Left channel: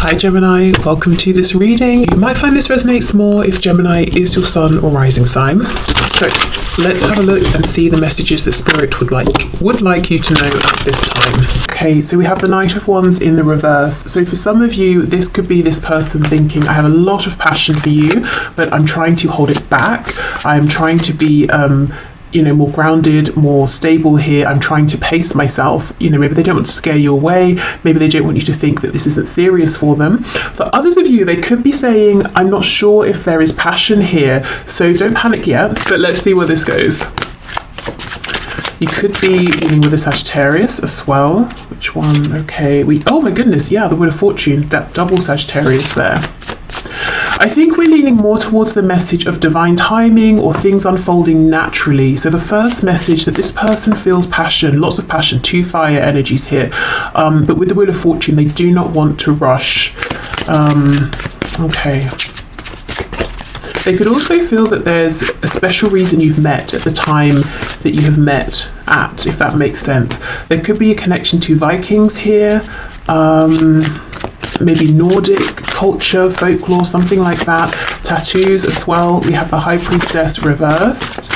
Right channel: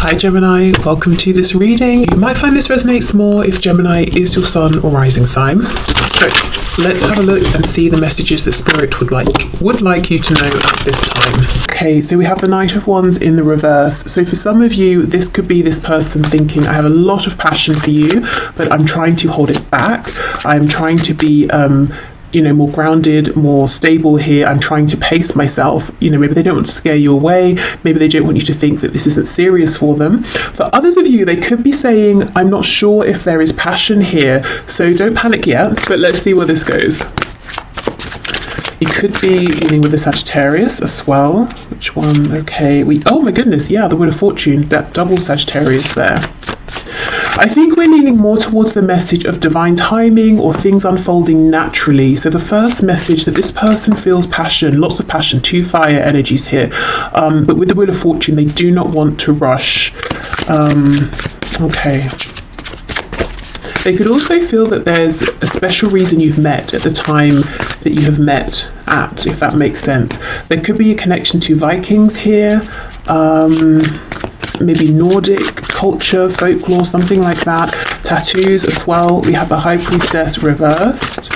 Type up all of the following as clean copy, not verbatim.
Hi Gemini, welcome to this reading. You might find this resonates more if Gemini is your sun or rising sign. So let's have a look and see the messages that Spirit would like you to know at this time. Okay, so we have the Knight of Wands in the reverse. So for some of you, this could be this person thinking, I have a lot of passion for you, but I'm trying to hold it back. I'm trying to be more grounded, more stable here. I'm trying to pace myself. Maybe they don't want to scare you away. Maybe they don't want you to think that this isn't serious for them. For others of you, they could be saying, I'm not sure if there is passion here, so don't panic yet, but let's see where this goes. You could be dealing with a Sagittarius as well. Which one? Okay, oh my goodness, yeah, the Wheel of Fortune, that double Sagittarius there. I think we're leaning more towards the message of divine timing or things unfolding naturally. So the first message that this person feels passion, lots of passion, two fire energies here. But with the Wheel of Fortune, they do not want to rush. Okay. They could also feel that there's a special reason you've met at the time that you have met at, if that makes sense. There could be a connection to Vikings here. Maybe Nordic culture, folklore, something like that. Tattoos as well. We have the High Priestess reversed.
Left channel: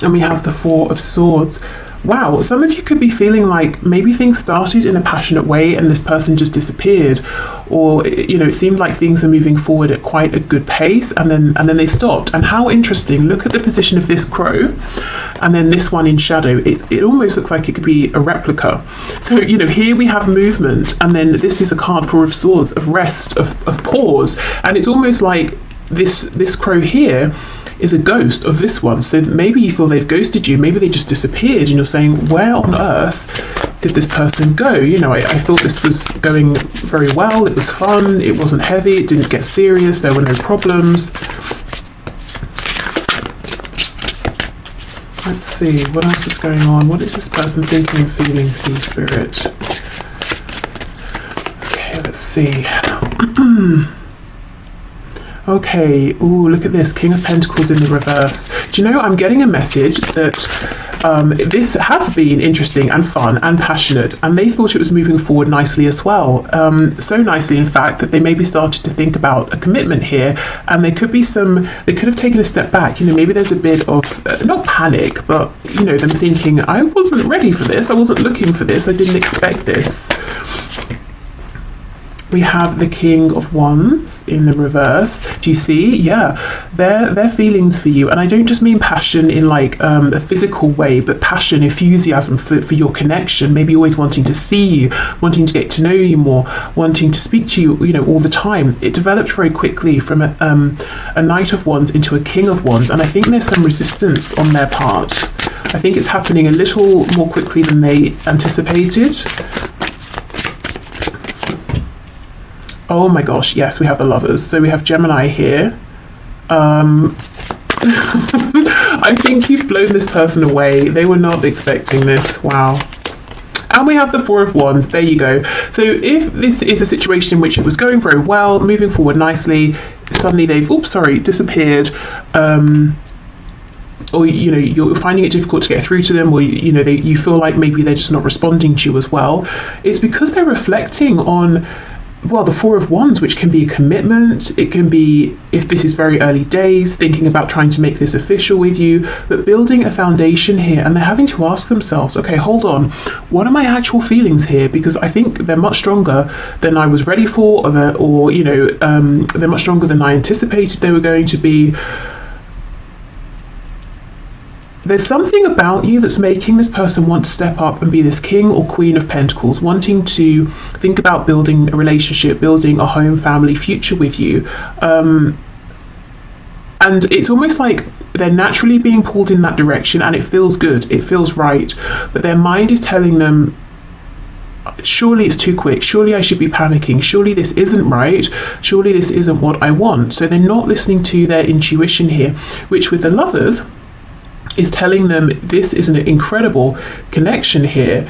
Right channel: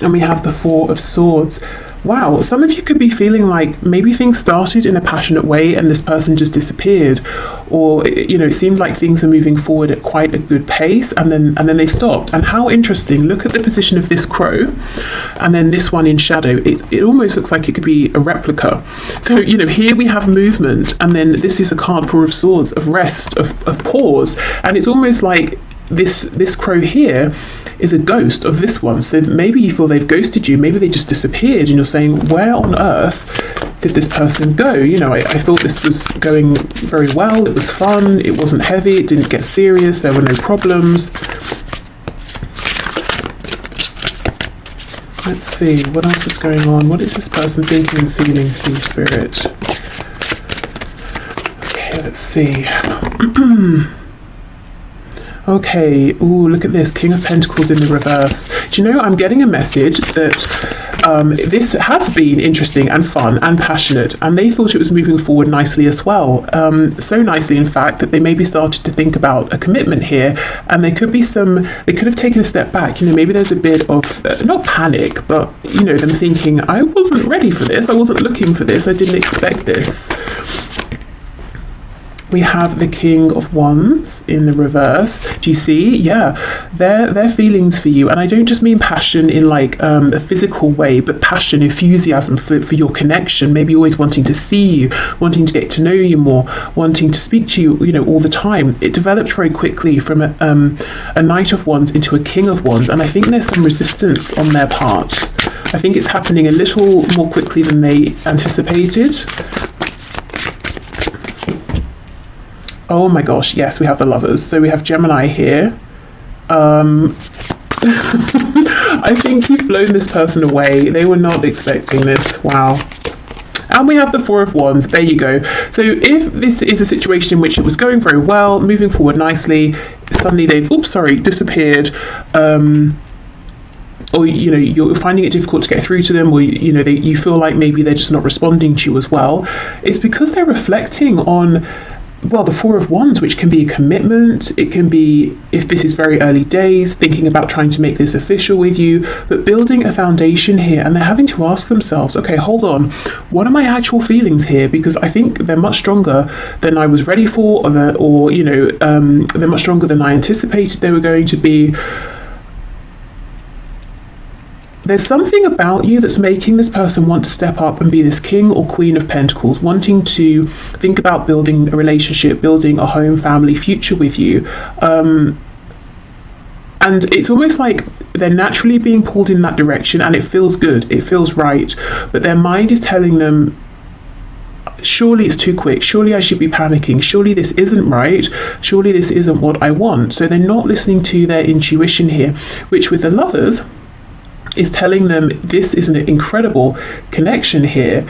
And we have the Four of Swords. Wow, some of you could be feeling like maybe things started in a passionate way and this person just disappeared. Or, it seemed like things are moving forward at quite a good pace and then they stopped. And how interesting, look at the position of this crow and then this one in shadow. It almost looks like it could be a replica. So, here we have movement and then this is a card, Four of Swords, of rest, of pause. And it's almost like this crow here is a ghost of this one. So maybe you feel they've ghosted you, maybe they just disappeared and you're saying, where on earth did this person go? I thought this was going very well, it was fun, it wasn't heavy, it didn't get serious, there were no problems. Let's see, what else is going on? What is this person thinking and feeling, please, Spirit? Okay, let's see. Okay, ooh, look at this, King of Pentacles in the reverse. Do you know, I'm getting a message that this has been interesting and fun and passionate, and they thought it was moving forward nicely as well. So nicely, in fact, that they maybe started to think about a commitment here, and they could have taken a step back. Maybe there's a bit of, not panic, but, them thinking, I wasn't ready for this, I wasn't looking for this, I didn't expect this. We have the King of Wands in the reverse. Do you see? Yeah, their feelings for you. And I don't just mean passion in like a physical way, but passion, enthusiasm for your connection. Maybe always wanting to see you, wanting to get to know you more, wanting to speak to you, all the time. It developed very quickly from a Knight of Wands into a King of Wands. And I think there's some resistance on their part. I think it's happening a little more quickly than they anticipated. Oh my gosh, yes, we have the Lovers. So we have Gemini here. I think you've blown this person away. They were not expecting this. Wow. And we have the Four of Wands. There you go. So if this is a situation in which it was going very well, moving forward nicely, suddenly they've, disappeared. Or you're finding it difficult to get through to them, or you feel like maybe they're just not responding to you as well. It's because they're reflecting on, the Four of Wands, which can be a commitment. It can be, if this is very early days, thinking about trying to make this official with you, but building a foundation here. And they're having to ask themselves, okay, hold on, what are my actual feelings here? Because I think they're much stronger than I was ready for, they're much stronger than I anticipated they were going to be. There's something about you that's making this person want to step up and be this King or Queen of Pentacles, wanting to think about building a relationship, building a home, family, future with you. And it's almost like they're naturally being pulled in that direction, and it feels good, it feels right. But their mind is telling them, surely it's too quick, surely I should be panicking, surely this isn't right, surely this isn't what I want. So they're not listening to their intuition here, which with the Lovers is telling them this is an incredible connection here.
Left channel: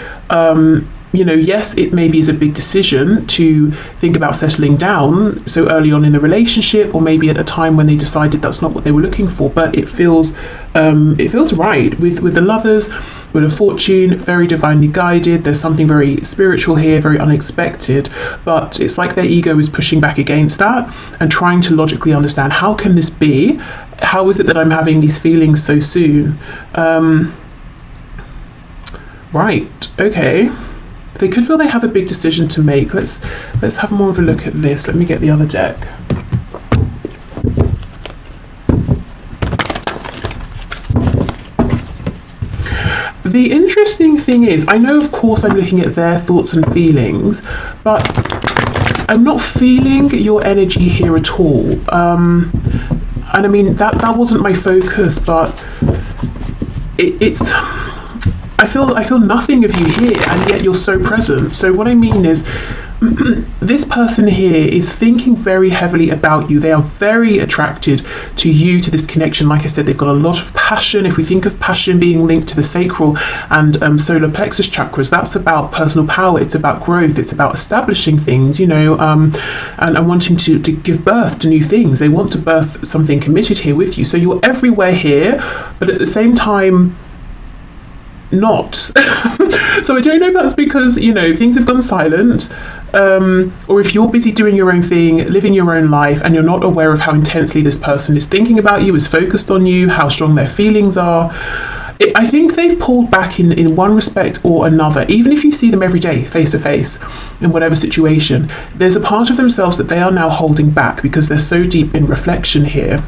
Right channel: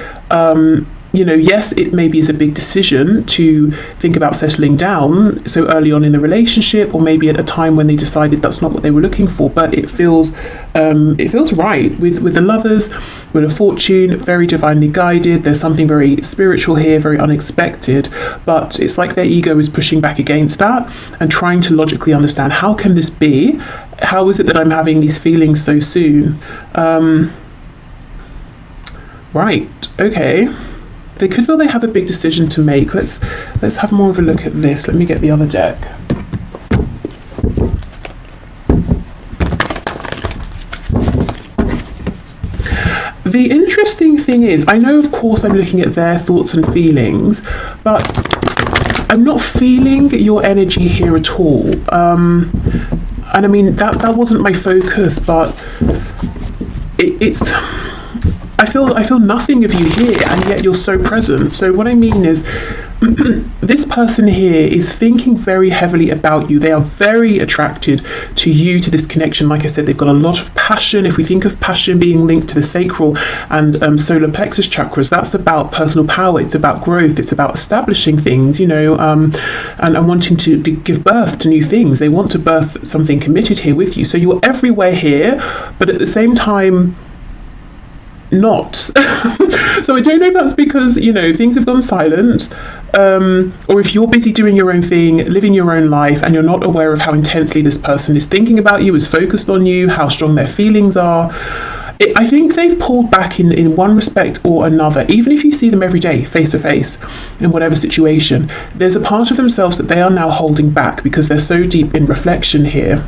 Yes, it maybe is a big decision to think about settling down so early on in the relationship, or maybe at a time when they decided that's not what they were looking for, but it feels right with the Lovers. Wheel of Fortune, very divinely guided. There's something very spiritual here, very unexpected, but it's like their ego is pushing back against that and trying to logically understand, how can this be? How is it that I'm having these feelings so soon? Right, okay. They could feel they have a big decision to make. Let's have more of a look at this. Let me get the other deck. The interesting thing is, I know of course I'm looking at their thoughts and feelings, but I'm not feeling your energy here at all. And I mean, that wasn't my focus, but it's... I feel nothing of you here, and yet you're so present. So what I mean is, this person here is thinking very heavily about you. They are very attracted to you, to this connection. Like I said, they've got a lot of passion. If we think of passion being linked to the sacral and solar plexus chakras, that's about personal power. It's about growth. It's about establishing things, you know, and wanting to give birth to new things. They want to birth something committed here with you. So you're everywhere here, but at the same time, not. So I don't know if that's because, you know, things have gone silent, or if you're busy doing your own thing, living your own life, and you're not aware of how intensely this person is thinking about you, is focused on you, how strong their feelings are. I think they've pulled back in one respect or another. Even if you see them every day, face to face, in whatever situation, there's a part of themselves that they are now holding back because they're so deep in reflection here.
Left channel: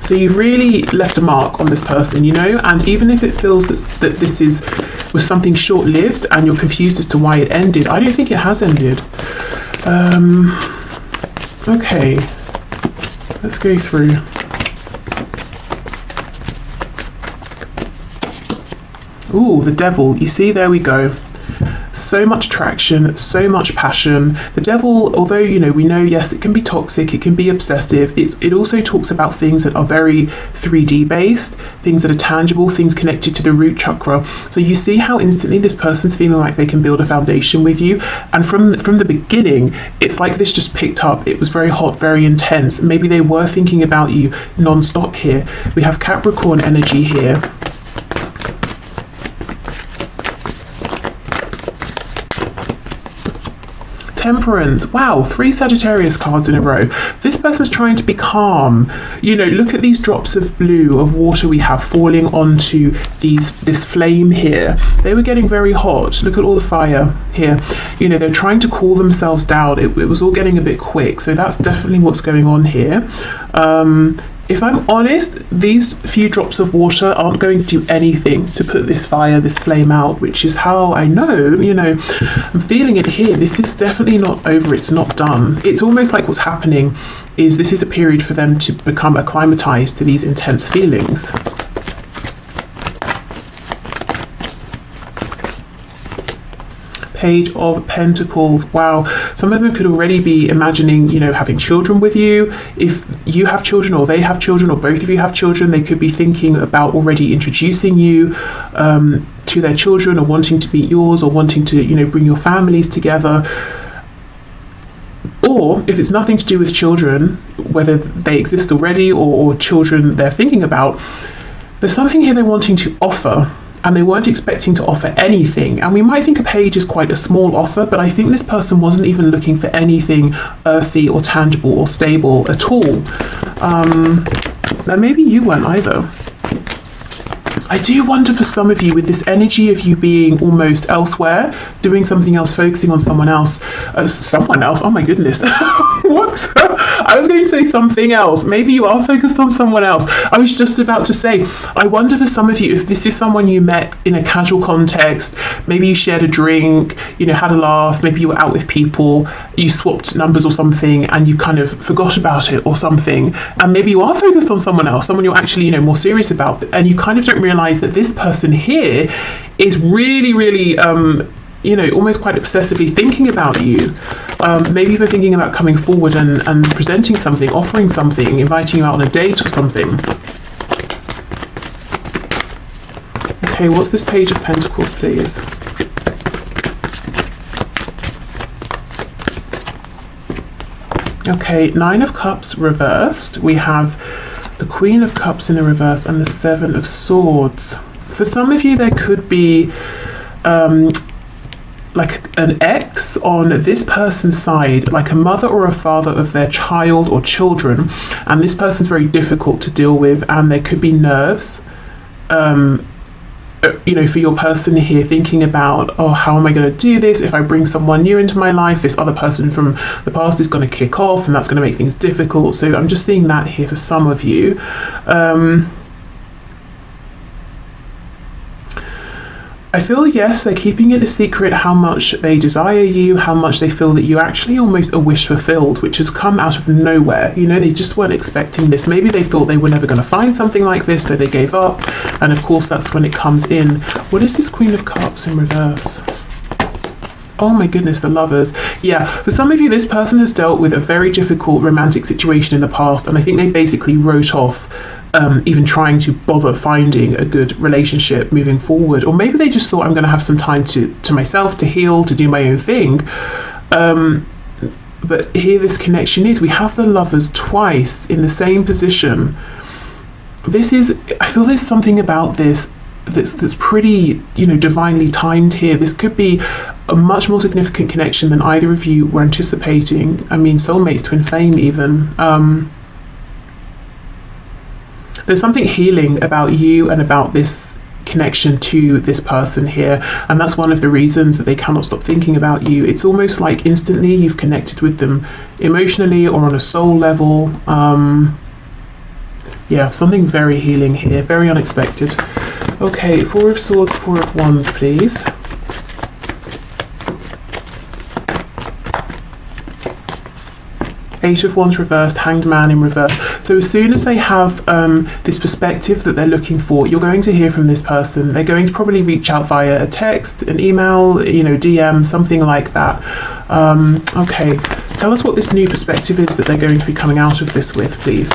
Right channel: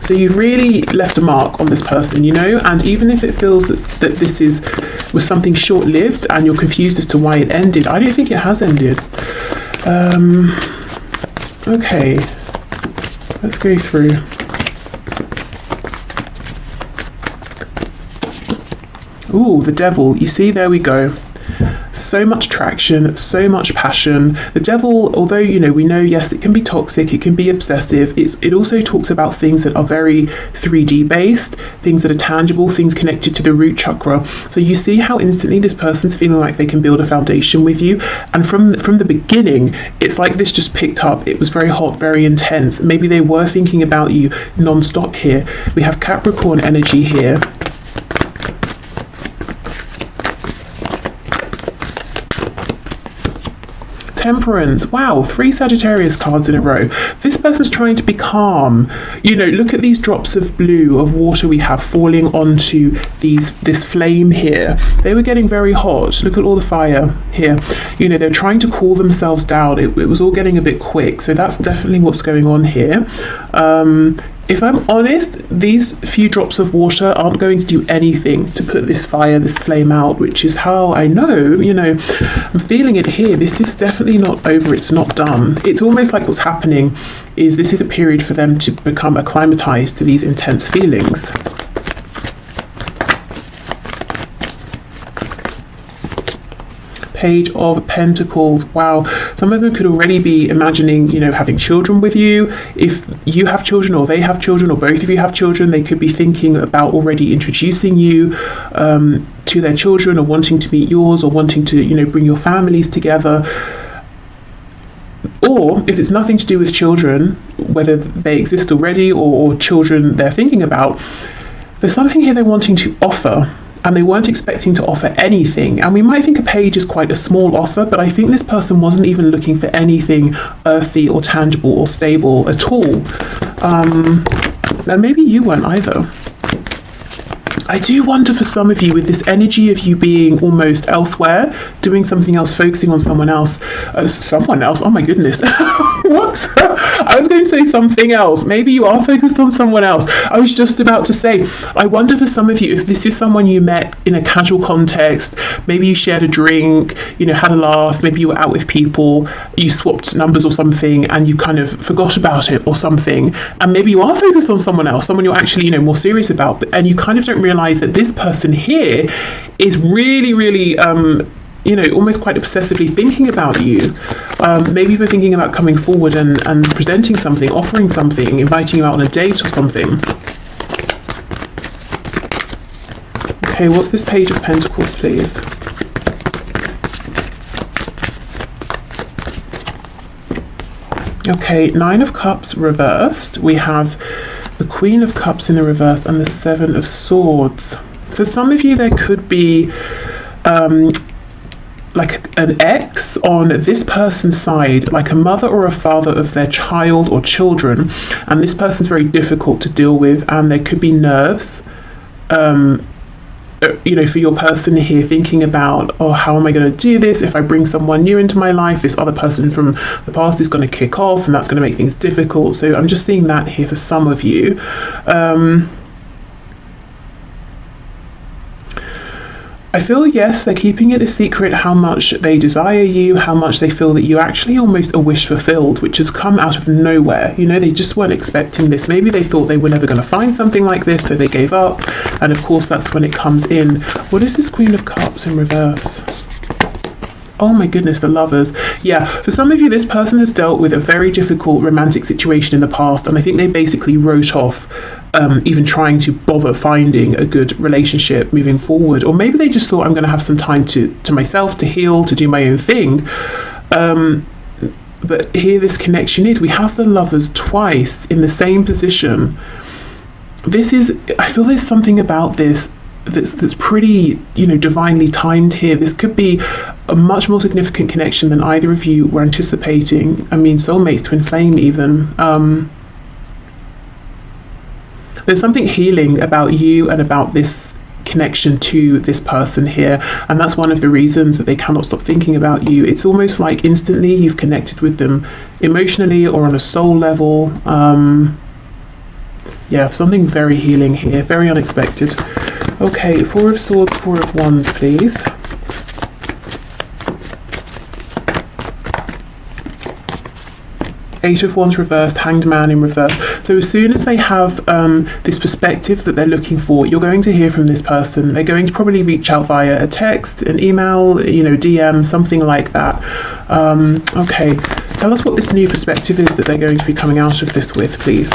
So you've really left a mark on this person, you know, and even if it feels that this was something short-lived and you're confused as to why it ended, I don't think it has ended. Okay, let's go through. Ooh, the Devil. You see, there we go. So much attraction, so much passion. The Devil, although, you know, we know, yes, it can be toxic, it can be obsessive, it also talks about things that are very 3D based, things that are tangible, things connected to the root chakra. So you see how instantly this person's feeling like they can build a foundation with you, and from the beginning, it's like this just picked up. It was very hot, very intense. Maybe they were thinking about you non-stop here. We have Capricorn energy here. Temperance. Wow, 3 Sagittarius cards in a row. This person's trying to be calm. You know, look at these drops of blue, of water we have falling onto this flame here. They were getting very hot. Look at all the fire here. You know, they're trying to cool themselves down. It was all getting a bit quick. So that's definitely what's going on here. If I'm honest, these few drops of water aren't going to do anything to put this fire, this flame out, which is how I know, you know, I'm feeling it here. This is definitely not over, it's not done. It's almost like what's happening is this is a period for them to become acclimatized to these intense feelings. Page of Pentacles. Wow, some of them could already be imagining, you know, having children with you. If you have children or they have children or both of you have children, they could be thinking about already introducing you to their children, or wanting to meet yours, or wanting to, you know, bring your families together. Or if it's nothing to do with children, whether they exist already or children they're thinking about, there's something here they're wanting to offer, and they weren't expecting to offer anything. And we might think a page is quite a small offer, but I think this person wasn't even looking for anything earthy or tangible or stable at all. Now maybe you weren't either. I do wonder for some of you, with this energy of you being almost elsewhere, doing something else, focusing on someone else. Someone else? Oh my goodness. What? I was going to say something else. Maybe you are focused on someone else. I was just about to say, I wonder for some of you, if this is someone you met in a casual context, maybe you shared a drink, you know, had a laugh, maybe you were out with people, you swapped numbers or something, and you kind of forgot about it or something, and maybe you are focused on someone else, someone you're actually, you know, more serious about, and you kind of don't realize that this person here is really, really, you know, almost quite obsessively thinking about you. Maybe they're thinking about coming forward and presenting something, offering something, inviting you out on a date or something. Okay, what's this Page of Pentacles, please? Okay, 9 of Cups reversed. We have the Queen of Cups in the reverse and the 7 of Swords. For some of you, there could be like an ex on this person's side, like a mother or a father of their child or children, and this person's very difficult to deal with, and there could be nerves, you know, for your person here, thinking about, oh, how am I going to do this? If I bring someone new into my life, this other person from the past is going to kick off, and that's going to make things difficult. So I'm just seeing that here for some of you. I feel, yes, they're keeping it a secret how much they desire you, how much they feel that you actually almost a wish fulfilled, which has come out of nowhere. You know, they just weren't expecting this. Maybe they thought they were never going to find something like this, so they gave up. And of course, that's when it comes in. What is this Queen of Cups in reverse? Oh my goodness, the Lovers. Yeah, for some of you, this person has dealt with a very difficult romantic situation in the past, and I think they basically wrote off even trying to bother finding a good relationship moving forward. Or maybe they just thought, I'm going to have some time to myself, to heal, to do my own thing. But here this connection is, we have the Lovers twice in the same position. This is, I feel there's something about this that's pretty, you know, divinely timed here. This could be a much more significant connection than either of you were anticipating. I mean, soulmates, twin flame even. There's something healing about you and about this connection to this person here, and that's one of the reasons that they cannot stop thinking about you. It's almost like instantly you've connected with them emotionally or on a soul level. Yeah, something very healing here, very unexpected. Okay, Four of Swords, Four of Wands, please. Eight of Wands reversed, Hanged Man in reverse. So as soon as they have this perspective that they're looking for, you're going to hear from this person. They're going to probably reach out via a text, an email, you know, DM, something like that. Okay, tell us what this new perspective is that they're going to be coming out of this with, please.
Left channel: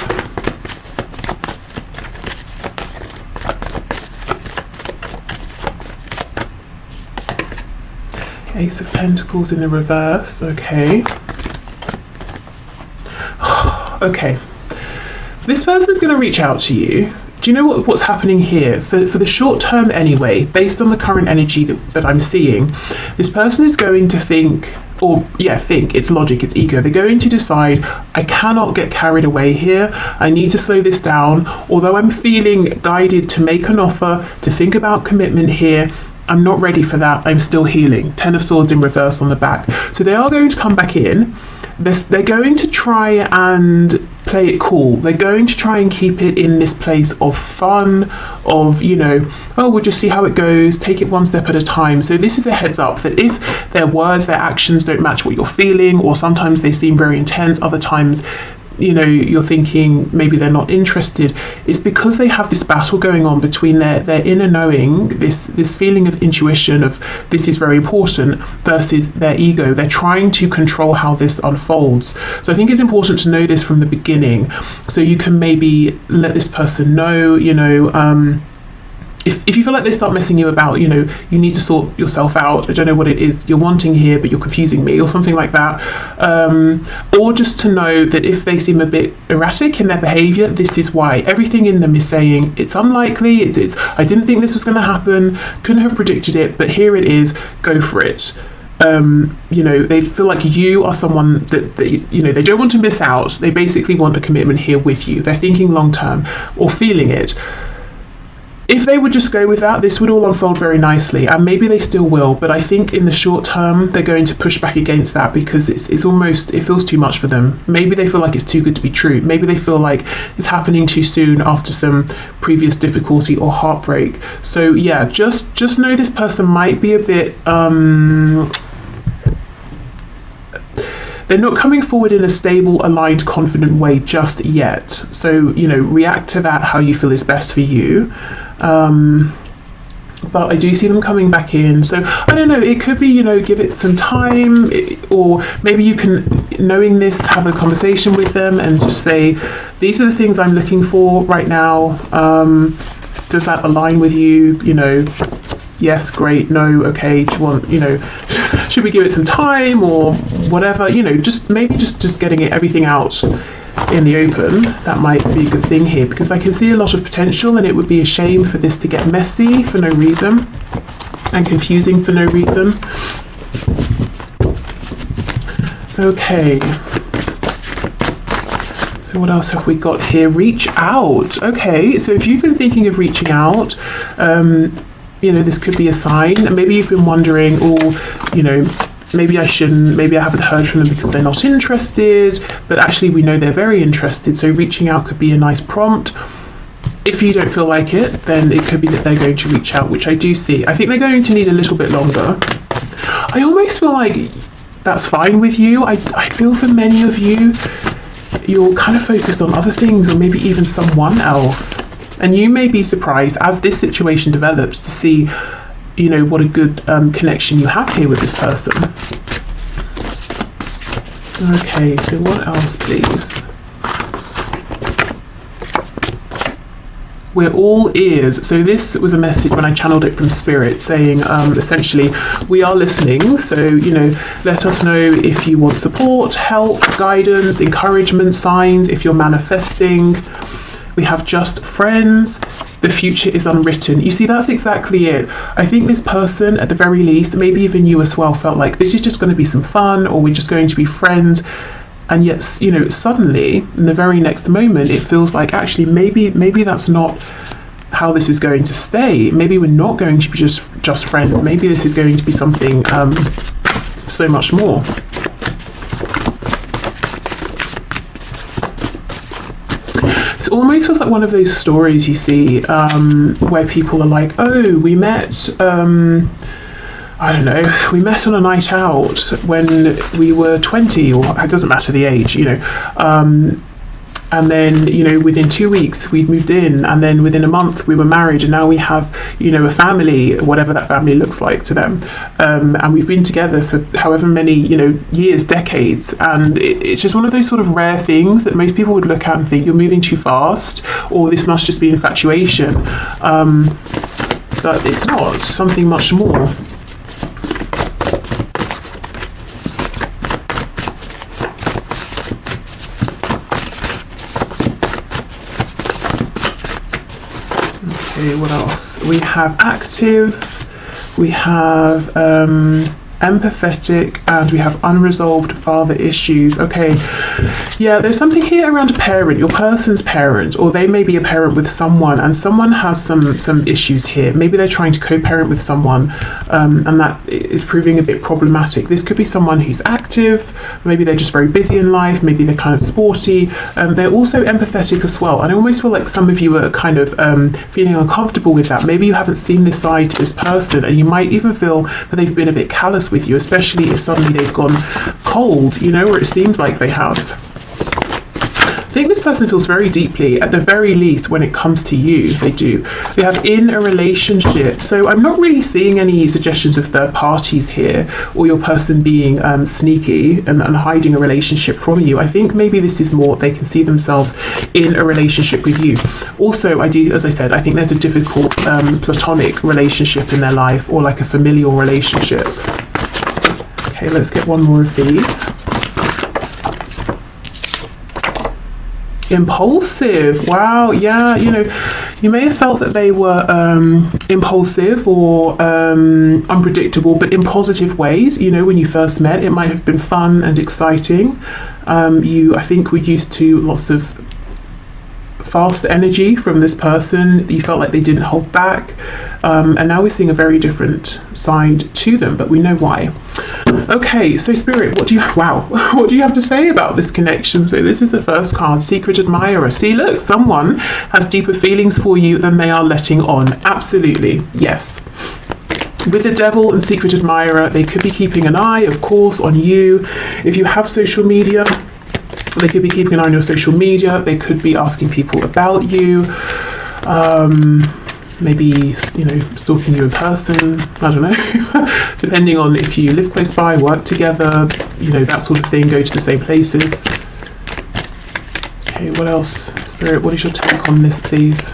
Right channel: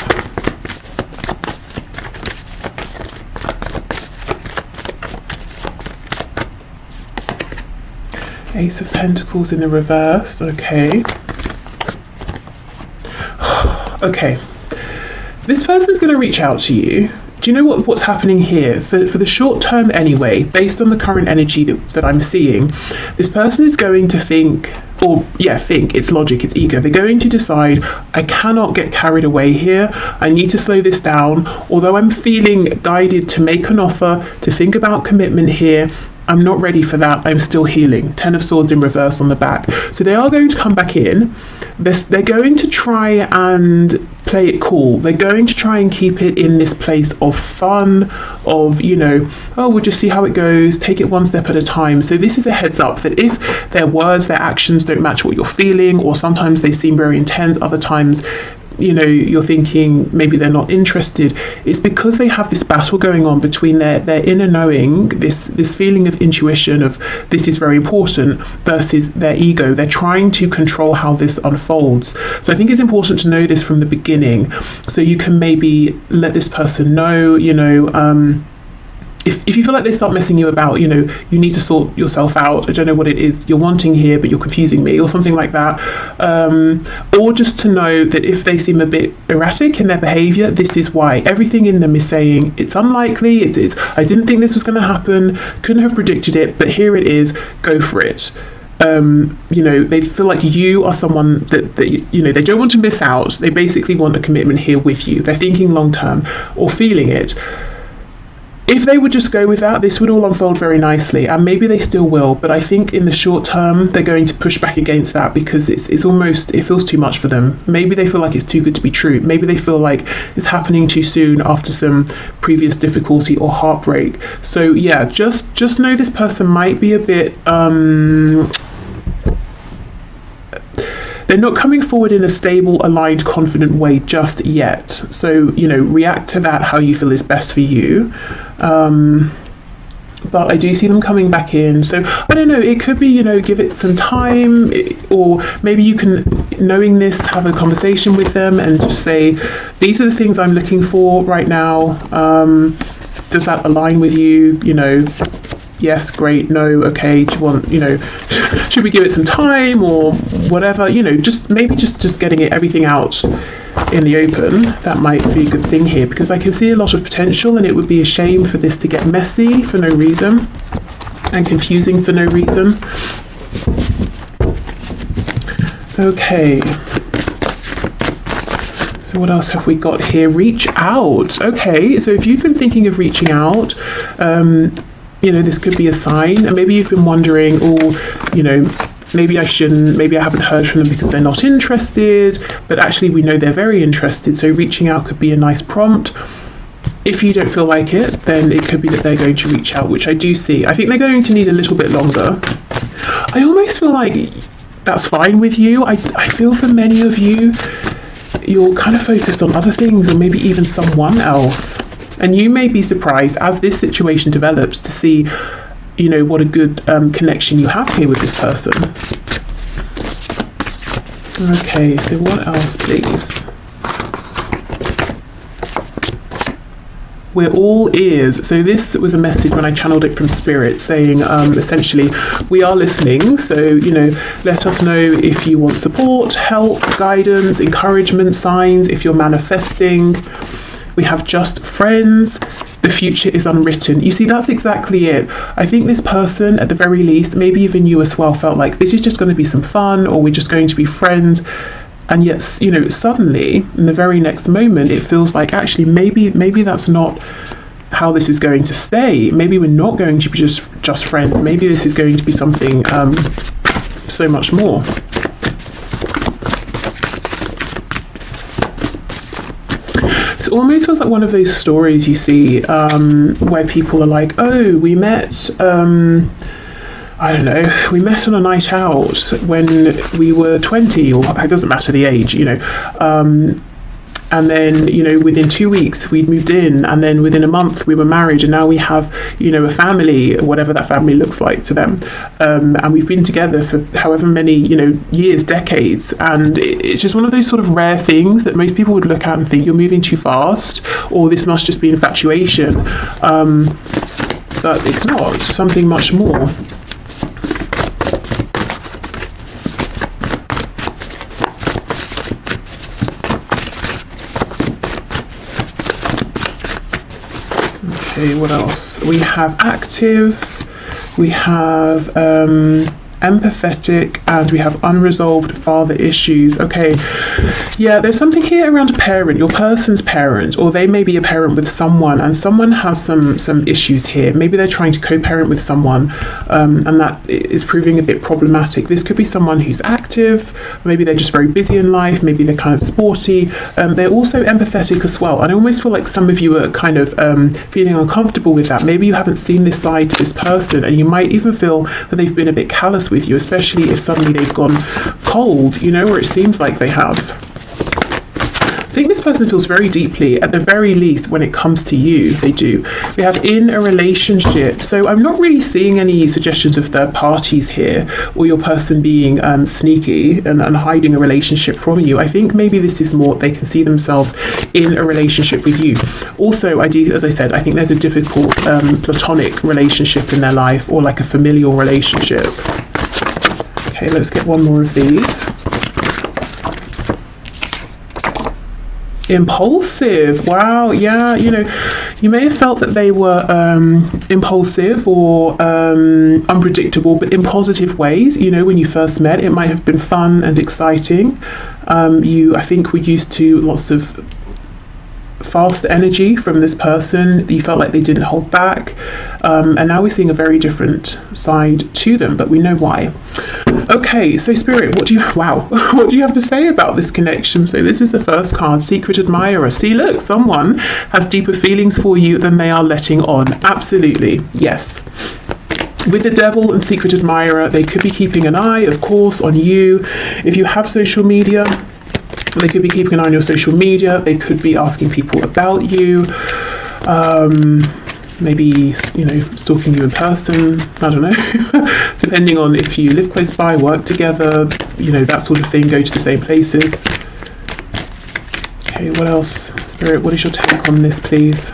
Ace of Pentacles in the reverse, okay. Okay, this person's going to reach out to you. Do you know what's happening here? For the short term anyway, based on the current energy that I'm seeing, this person is going to think, it's logic, it's ego. They're going to decide, I cannot get carried away here. I need to slow this down. Although I'm feeling guided to make an offer, to think about commitment here, I'm not ready for that. I'm still healing. 10 of Swords in reverse on the back. So they are going to come back in. They're going to try and play it cool. They're going to try and keep it in this place of fun, of, you know, oh, we'll just see how it goes, take it one step at a time. So this is a heads up that if their words, their actions don't match what you're feeling, or sometimes they seem very intense, other times, you know, you're thinking maybe they're not interested, it's because they have this battle going on between their inner knowing, this feeling of intuition of this is very important, versus their ego. They're trying to control how this unfolds. So I think it's important to know this from the beginning, so you can maybe let this person know, you know, if you feel like they start messing you about, you know, you need to sort yourself out. I don't know what it is you're wanting here, but you're confusing me, or something like that. Or just to know that if they seem a bit erratic in their behaviour, this is why. Everything in them is saying, it's unlikely, I didn't think this was going to happen, couldn't have predicted it, but here it is, go for it. You know, they feel like you are someone that you know, they don't want to miss out. They basically want a commitment here with you. They're thinking long term, or feeling it. If they would just go with that, this would all unfold very nicely, and maybe they still will, but I think in the short term they're going to push back against that, because it's almost, it feels too much for them. Maybe they feel like it's too good to be true. Maybe they feel like it's happening too soon after some previous difficulty or heartbreak. So yeah, just know this person might be a bit they're not coming forward in a stable, aligned, confident way just yet. So, you know, react to that how you feel is best for you. But I do see them coming back in. So, I don't know, it could be, you know, give it some time, or maybe you can, knowing this, have a conversation with them and just say, these are the things I'm looking for right now. Does that align with you? You know, yes, great, no, okay, do you want, you know, should we give it some time or whatever, you know, just maybe just getting everything out in the open, that might be a good thing here, because I can see a lot of potential, and it would be a shame for this to get messy for no reason and confusing for no reason. Okay. So what else have we got here? Reach out. Okay, so if you've been thinking of reaching out, you know, this could be a sign. And maybe you've been wondering, oh, you know, maybe I shouldn't, maybe I haven't heard from them because they're not interested, but actually we know they're very interested, so reaching out could be a nice prompt. If you don't feel like it, then it could be that they're going to reach out, which I do see. I think they're going to need a little bit longer. I almost feel like that's fine with you. I feel for many of you, you're kind of focused on other things, or maybe even someone else. And you may be surprised as this situation develops to see, you know, what a good connection you have here with this person. Okay, so what else, please? We're all ears. So this was a message when I channeled it from Spirit, saying essentially, we are listening. So, you know, let us know if you want support, help, guidance, encouragement, signs, if you're manifesting. We have just friends. The future is unwritten. You see, that's exactly it. I think this person, at the very least, maybe even you as well, felt like this is just going to be some fun, or we're just going to be friends. And yet, you know, suddenly, in the very next moment, it feels like actually maybe that's not how this is going to stay. Maybe we're not going to be just friends. Maybe this is going to be something so much more. It almost feels like one of those stories you see where people are like, oh, we met, I don't know, we met on a night out when we were 20, or it doesn't matter the age, you know, and then, you know, within 2 weeks we'd moved in, and then within a month we were married, and now we have, you know, a family, whatever that family looks like to them, and we've been together for however many, you know, years, decades, and it's just one of those sort of rare things that most people would look at and think you're moving too fast, or this must just be infatuation, but it's not. Something much more. What else? We have active, we have empathetic, and we have unresolved father issues. Okay, yeah, there's something here around a parent, your person's parent, or they may be a parent with someone, and someone has some issues here. Maybe they're trying to co-parent with someone, and that is proving a bit problematic. This could be someone who's active, maybe they're just very busy in life, maybe they're kind of sporty, they're also empathetic as well. And I almost feel like some of you are kind of feeling uncomfortable with that. Maybe you haven't seen this side to this person, and you might even feel that they've been a bit callous with you, especially if suddenly they've gone cold, you know, or it seems like they have. I think this person feels very deeply, at the very least, when it comes to you. They do. They have in a relationship. So I'm not really seeing any suggestions of third parties here, or your person being sneaky and hiding a relationship from you. I think maybe this is more they can see themselves in a relationship with you. Also, I do, as I said, I think there's a difficult platonic relationship in their life, or like a familial relationship. Okay, let's get one more of these. Impulsive. Wow, yeah, you know, you may have felt that they were impulsive or unpredictable, but in positive ways. You know, when you first met, it might have been fun and exciting. I think, were used to lots of fast energy from this person. You felt like they didn't hold back, and now we're seeing a very different side to them, but we know why. Okay, so Spirit, what do you have to say about this connection? So this is the first card, Secret Admirer. See, look, someone has deeper feelings for you than they are letting on. Absolutely, yes. With the Devil and Secret Admirer, they could be keeping an eye, of course, on you. If you have social media, they could be keeping an eye on your social media. They could be asking people about you. Maybe, you know, stalking you in person. I don't know. Depending on if you live close by, work together, you know, that sort of thing. Go to the same places. Okay, what else? Spirit, what is your take on this, please?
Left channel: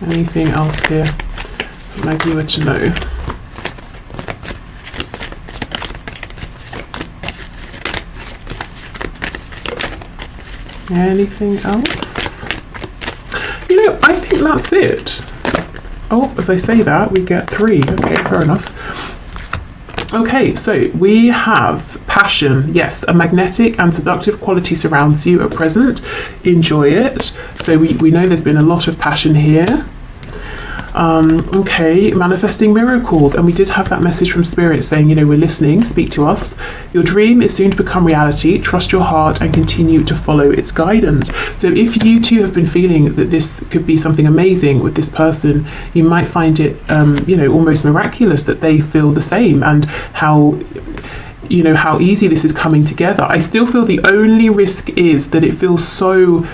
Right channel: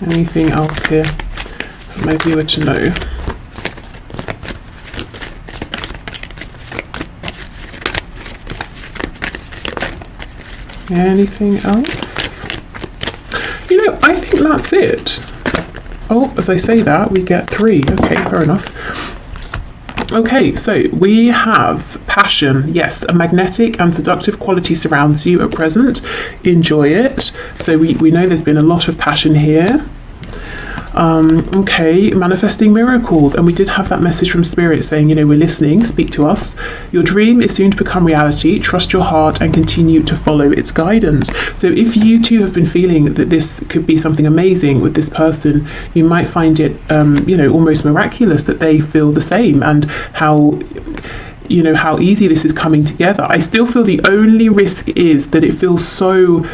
Anything else here that might be good to know? Anything else? You know, I think that's it. Oh, as I say that, we get 3. Okay, fair enough. Okay, so we have passion. Yes, a magnetic and seductive quality surrounds you at present. Enjoy it. So we know there's been a lot of passion here. Okay, manifesting miracles, and we did have that message from Spirit saying, you know, we're listening, speak to us. Your dream is soon to become reality. Trust your heart and continue to follow its guidance. So if you too have been feeling that this could be something amazing with this person, you might find it, you know, almost miraculous that they feel the same, and how, you know, how easy this is coming together. I still feel the only risk is that it feels so